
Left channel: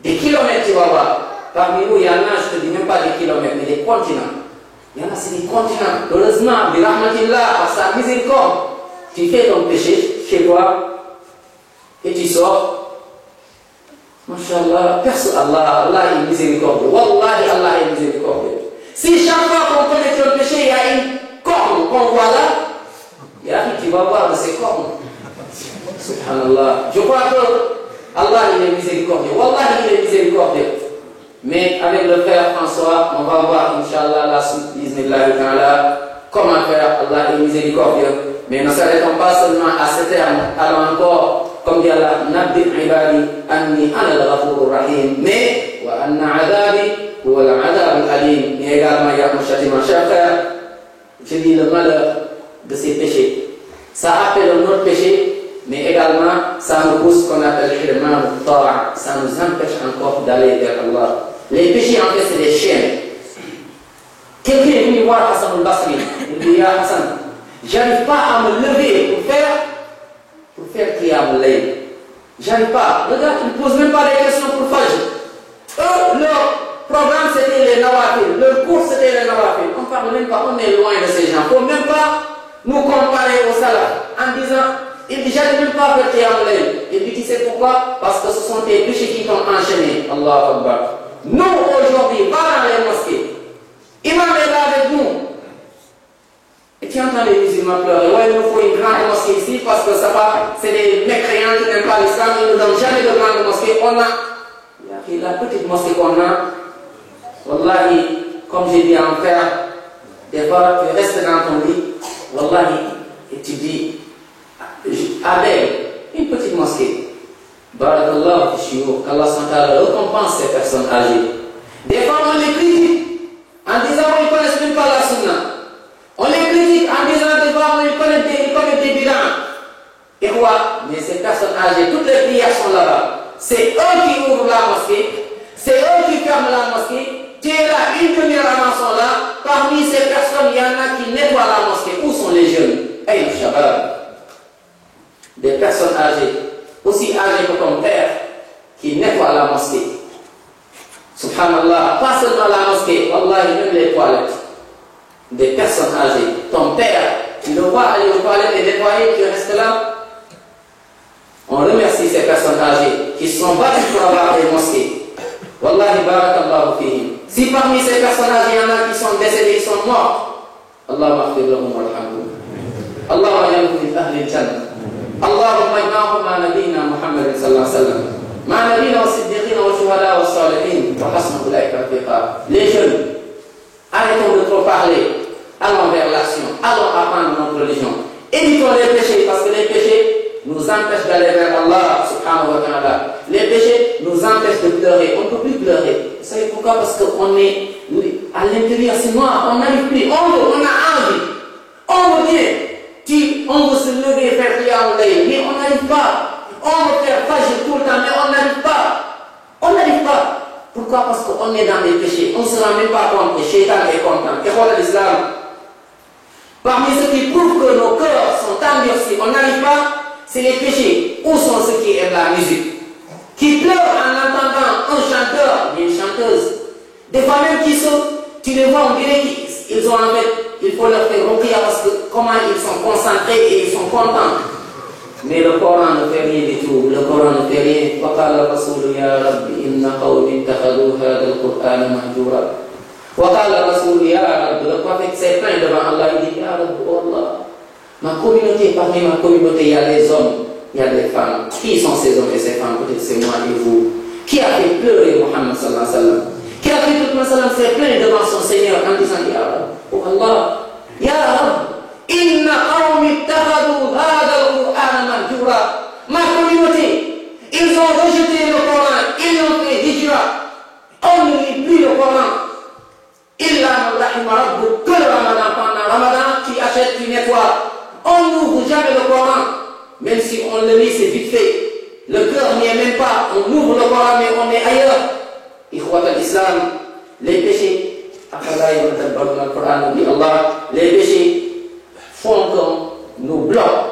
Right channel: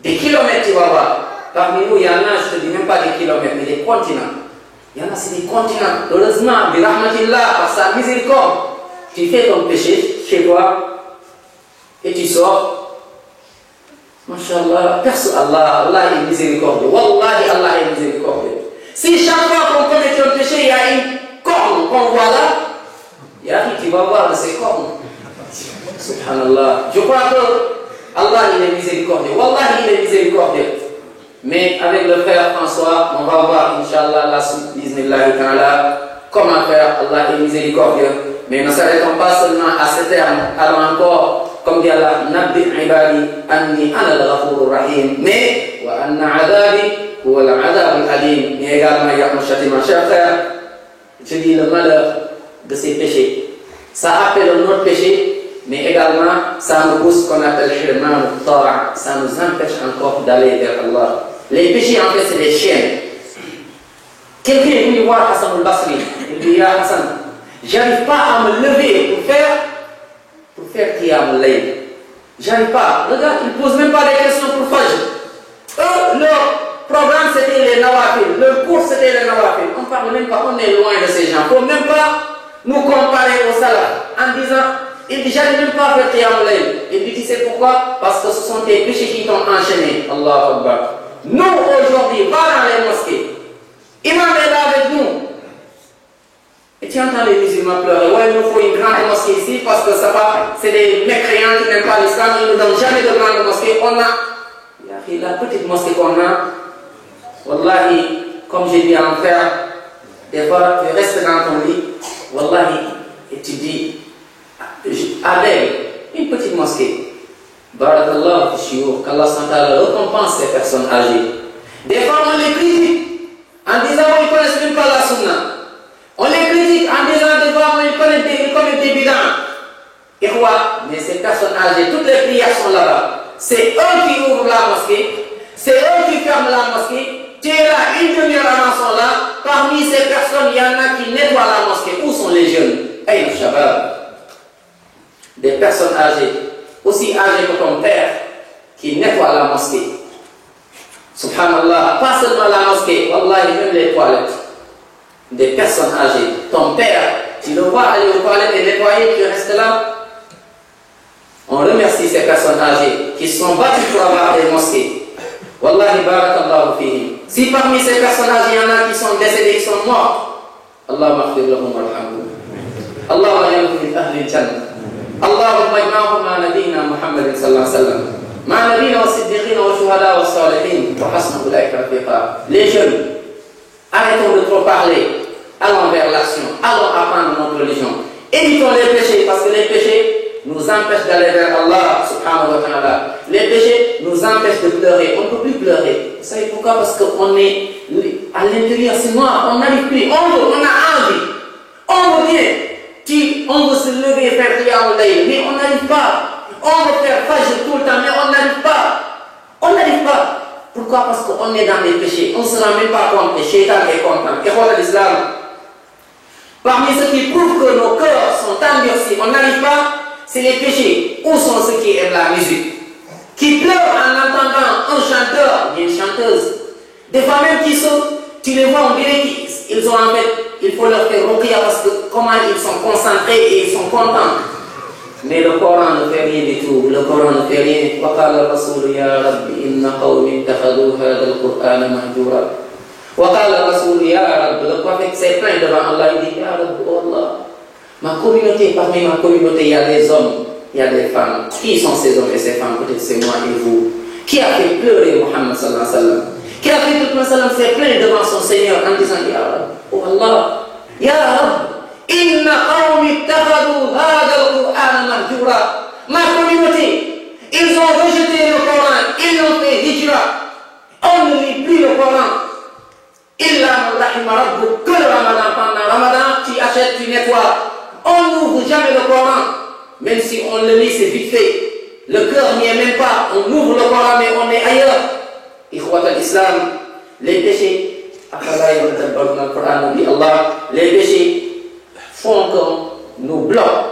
Des kilomètres, tu vas voir. Parmi nous, il y en a, je ne te dis même pas des kilomètres, mais des continents. Il y en a, c'est des continents. Heureusement, bi rahmatillah, par sa miséricorde, tu fais ton péché chez toi et tu sors. Masha'Allah, Allah est miséricordieux. Wallahi, Allah est miséricordieux. Si chaque fois qu'on commet un péché, il y a une corne qu'on voit là, il y a qui va voir de ces cornes. Subhanallah. Je crois que Allah il est miséricordieux. Wallahi, il est miséricordieux. Mais avec le frère François, on va voir, Inch'Allah, la suite, bismillah ta'ala, comment faire. Allah est miséricordieux. Mais ne s'arrêtons pas seulement à ce terme. Allons encore. Comme dit Allah, Nabbi ibadi anni ana al-ghafur rahim. Mais, wa anna adabi huwa al-adab al-alim. Mais également, il y a un châtiment. Cher frère, je dis le malheur de ces péchés. Ça appelle un autre péché, mais également, ça nous pousse ce qu'on appelle hirman al-ta'a. Ça nous empêche encore d'aller vers Allah. Les péchés, en fait, c'est des chaînes. Quelqu'un est venu voir Hassan al-Basri. Il dit, Ya Hassan, j'arrive pas à me lever pour faire Qiyam al-Layl. J'arrive pas. Regarde, ils ne posent même pas des questions pour Fajr. Eux, leur programme c'était les nawafil. Leur cours c'était les nawafil. On ne parle même pas, on est loin de ces gens. Il ne faut même pas nous comparer aux salafs en disant, il dit, j'arrive même pas à faire Qiyam al-Layl. Il dit, tu sais pourquoi? Parce que ce sont tes péchés qui t'ont enchaîné. Allahu Akbar. Nous, aujourd'hui, va dans les mosquées. Imam est là avec nous. Et tu entends les musulmans pleurer. Ouais, il nous faut une grande mosquée ici parce que ça va, c'est des mécréants qui n'aiment pas l'islam, ils ne nous donnent jamais de grande mosquée. On a, la petite mosquée qu'on a, wallahi, comme j'ai dit à mon père, des fois tu restes dans ton lit, wallahi, et tu dis, avec une petite mosquée, barakallah, qu'Allah récompense ces personnes âgées. Des fois on les critique en disant qu'ils ne connaissent même pas la sunna. On les critique en disant des fois ils connaissent des bidans. Et quoi? Mais ces personnes âgées, toutes les prières sont là-bas. C'est eux qui ouvrent la mosquée, c'est eux qui ferment la mosquée. Tu es là, une demi-heure avant sont là. Parmi ces personnes, il y en a qui nettoient la mosquée. Où sont les jeunes? Hey, Shabab. Des personnes âgées, aussi âgées que ton père, qui nettoient la mosquée. Subhanallah, pas seulement la mosquée, wallahi, même les toilettes. Des personnes âgées. Ton père, tu le vois aller aux toilettes et nettoyer, tu restes là. On remercie ces personnes âgées qui se sont battues pour avoir des mosquées. Wallahi barakallahu fihim. Si parmi ces personnes âgées, il y en a qui sont décédés, qui sont morts, Allahumma aghfir lahum warhamhum. Allahumma yamhum min ahli al-jannah. Allahumma ijma'hum ma nabiyina Muhammad sallallahu alayhi wa sallam. Les jeunes, arrêtons de trop parler, allons vers l'action, allons apprendre notre religion. Évitons les péchés, parce que les péchés nous empêchent d'aller vers Allah subhanahu wa ta'ala. Les péchés nous empêchent de pleurer. On ne peut plus pleurer. Vous savez pourquoi? Parce qu'on est à l'intérieur, c'est noir, on n'arrive plus. On a envie. On veut bien. On veut se lever et faire Qiyam al-Layl, mais on n'arrive pas. On veut faire Fajr tout le temps, mais on n'arrive pas. On n'arrive pas. Pourquoi? Parce qu'on est dans les péchés. On ne se rend même pas compte. Et Shaitan est content. Et voilà l'islam. Parmi ceux qui prouvent que nos cœurs sont endurcis, on n'arrive pas, c'est les péchés. Où sont ceux qui aiment la musique? Qui pleurent en entendant un chanteur, une chanteuse. Des fois même tu les vois, on dirait qu'ils ont en fait, il faut leur faire ruqya parce que comment ils sont concentrés et ils sont contents. Mais le Coran ne fait rien du tout. Le Coran ne fait rien. وقال الرسول يا رب إن قومي اتخذوا هذا القرآن مهجورا. وقال الرسول يا رب. Le prophète s'est plaint devant Allah. Il dit, Ya Rabb, oh Allah, ma communauté, parmi ma communauté, il y a des hommes, il y a des femmes. Qui sont ces hommes et ces femmes? Peut-être c'est moi et vous. Qui a fait pleurer Muhammad sallallahu alayhi wa sallam? Qui a fait que le prophète s'est plaint devant son Seigneur en disant, Ya Rabb, oh Allah, Ya Rabb, Inna qawmi ittakhadhu hadha al-Qur'ana mahjura. Ma communauté, ils ont rejeté le Coran, ils ont fait hijra. On ne lit plus le Coran. Illa man rahima rabbuk. Que le Ramadan, pendant Ramadan, tu achètes, tu nettoies. On n'ouvre jamais le Coran. Même si on le lit, c'est vite fait. Le cœur n'y est même pas. On ouvre le Coran, mais on est ailleurs. Ikhwat al-Islam, les péchés, les péchés font qu'on nous bloque.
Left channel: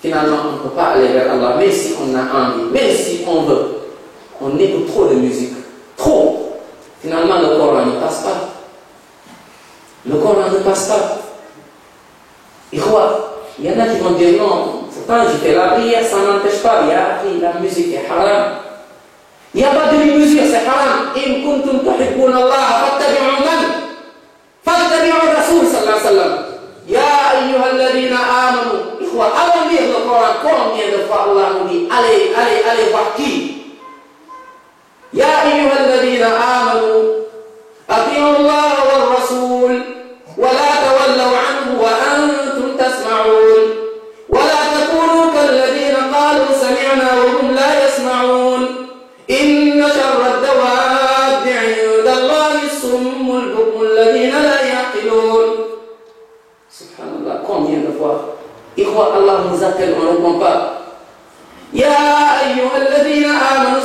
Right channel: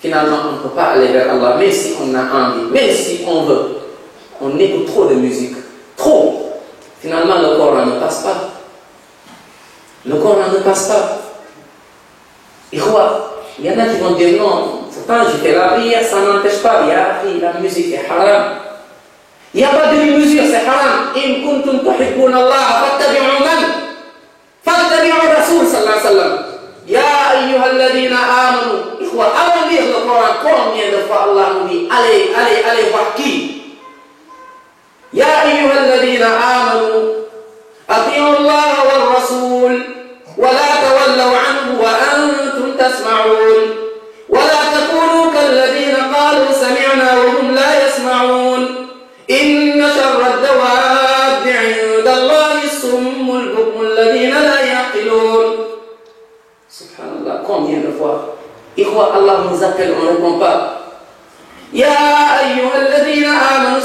Finalement, on ne peut pas aller vers Allah, même si on a envie, même si on veut. On écoute trop de musique. Trop. Finalement, le Coran ne passe pas. Le Coran ne passe pas. Et quoi? Il y en a qui vont dire non, pourtant je fais la prière, ça n'empêche pas. La musique est haram. Il n'y a pas de mesure, c'est haram. In kuntum tuhibbuna Allah, fattabi'u man? Fattabi'u Rasul sallallahu alayhi wa sallam. Ya ayyuhalladhina amanu. Allons lire le Coran. Combien de fois Allah nous dit allez voir qui? Ya ayyuhalladhina amanu. Ati'u Allah wal Rasul. Wa la tawallaw anhu wa antum tasma'un. Wa la takunu kalladhina qalu sami'na wa hum la yasma'un. Inna sharra ad-dawabbi 'inda Allahi as-summu al-bukmu alladhina la ya'qilun. Subhanallah, combien de fois? Allah nous appelle, on ne répond pas. Ya ayyuhalladhina amanu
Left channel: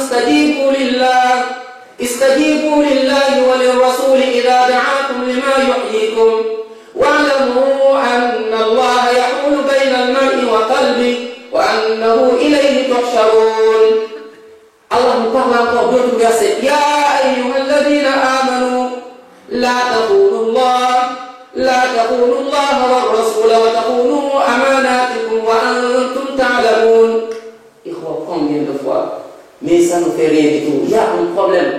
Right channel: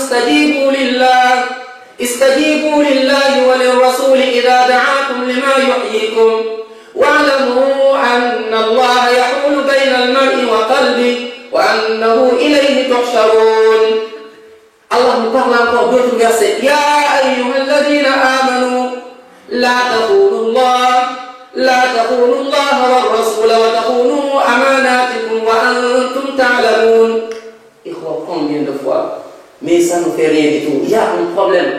istajibu lillahi wa lirrasuli idha da'akum lima yuhyikum wa'lamu anna Allah yahulu bayna al-mar'i wa qalbi wa annahu ilayhi tuhsharun. Allah nous parle encore d'autres versets. Ya ayyuhalladhina amanu la taqulu Allah wa rasul wa taqulu amanatikum wa antum ta'lamun. Combien de fois? Mais ça ne fait rien du tout. Il y a un problème.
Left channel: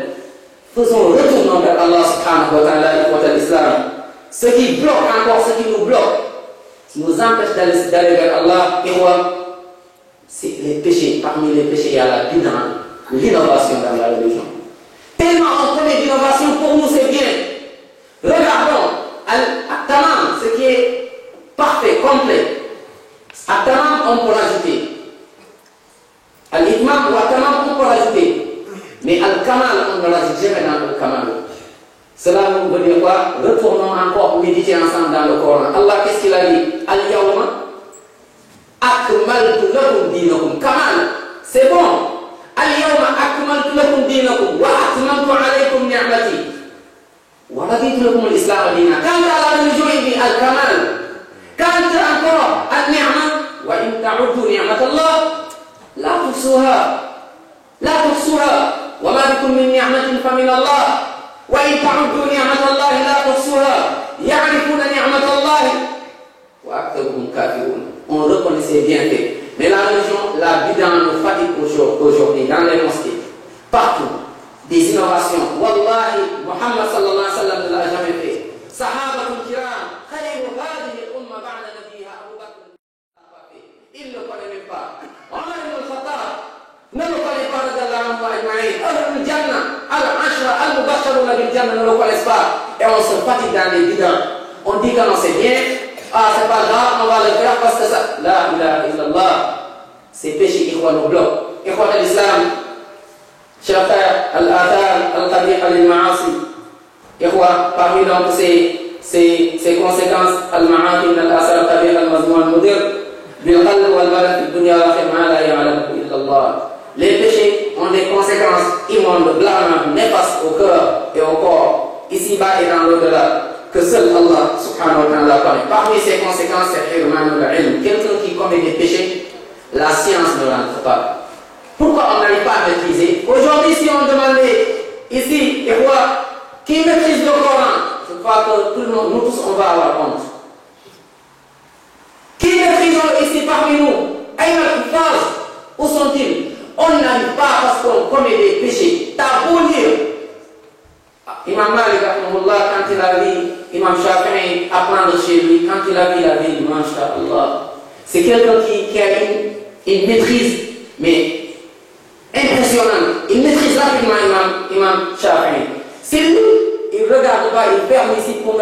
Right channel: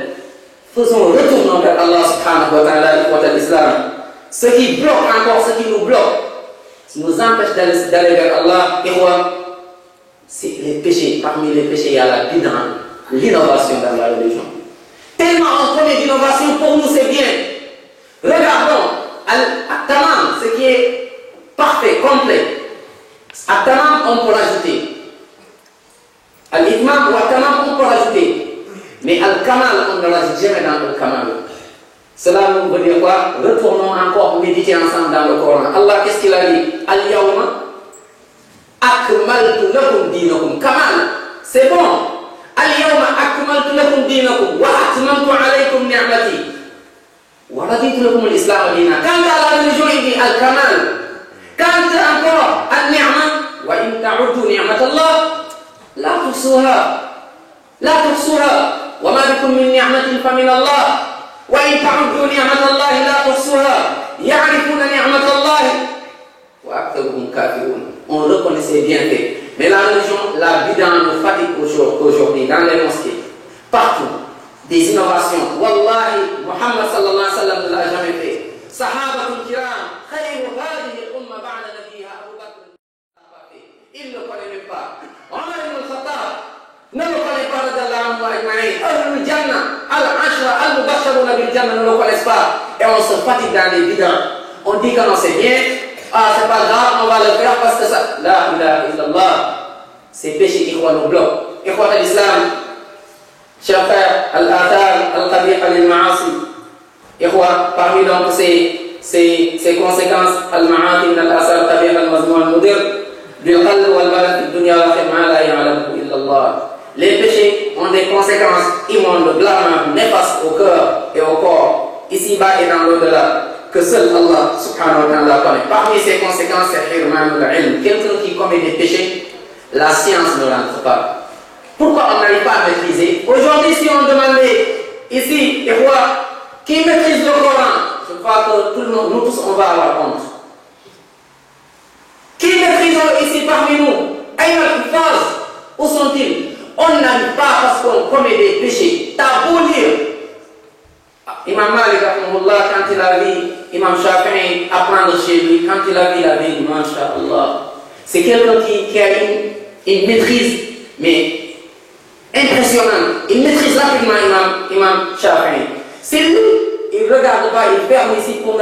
Retournons vers Allah subhanahu wa ta'ala, l'islam. Ce qui bloque encore, ce qui nous bloque, ce qui nous empêche d'aller vers Allah, c'est les péchés. Parmi les péchés, il y a la bid'a, l'innovation dans la religion. Tellement on connaît l'innovation, pour nous c'est bien. Regardons At-Tamam, ce qui est parfait, complet. At-Tamam, on peut rajouter. Al-Itmam ou Al-Kamal, on peut rajouter. Mais Al-Kamal, on ne rajoute jamais dans Al-Kamal. Cela veut dire quoi? Retournons encore méditer ensemble dans le Coran. Allah, qu'est-ce qu'il a dit? Al-Yawma akmaltu lakum dinakum. Kamal, c'est bon. Al-Yawma akmaltu lakum dinakum wa atmamtu alaykum ni'mati wa raditu lakum al-Islam dina. Quand la religion il dit Al-Kamal, quand encore Al-Ni'ma wa in ta'uddu ni'matallah لا تحصوها وما بكم من نعمة فمن الله وإن تعدوا نعمة الله لا تحصوها يعرفون نعمة الله وأكثرهم كافرون. On reconnaissait bien fait. Mais la religion, la bid'a nous fatigue aujourd'hui dans les mosquées, partout. Des innovations. Wallahi, Muhammad sallallahu alayhi wa sallam ne l'a jamais fait. Sahabatul kiram, khayru hadihi al-umma ba'da nabiha Abu Bakr. Il ne connaît même pas. Ne le connaît pas, Jannah, Al-Ashra, Al-Mubashsharuna bil Jannah ne le connaissent pas. Et on se fatigue dans les bidons. On dit que non, c'est bien. Ah, c'est pas grave, on va le faire parce que ça. La ilaha illallah. Ces péchés qui nous bloquent. Ikhwat al-Islam, chers frères, al-athar, al-qabiha lil-ma'asi. Ikhwat, parmi donc ces conséquences, al-ma'ati min al-athar al-qabiha al-mazmum al-mudir, bil-qalb wal-badan fi dunya wal-akhirah ma la ya'lamu illa Allah. Les péchés ont des conséquences immondes, blâmables, néfastes au cœur et au corps, ici-bas et dans l'au-delà, que seul Allah subhanahu wa ta'ala connaît. Parmi ces conséquences, c'est hirmanul ilm. Quelqu'un qui commet des péchés, la science ne l'entre pas. Pourquoi on n'arrive pas à maîtriser? Aujourd'hui, si on demandait ici, et quoi, qui maîtrise le Coran, je crois que tout le monde, nous tous, on va avoir honte. Qui maîtrise ici parmi nous? Aïna al-Hufaz, où sont-ils? On n'arrive pas parce qu'on commet des péchés. T'as beau lire. Imam Malik, quand il a vu Imam Shafi'i apprendre chez lui, quand il a vu la vie, masha'Allah, c'est quelqu'un qui a une maîtrise, mais impressionnante. Il maîtrise rapidement Imam Shafi'i. C'est lui, il ne regarde pas, il ferme ici pour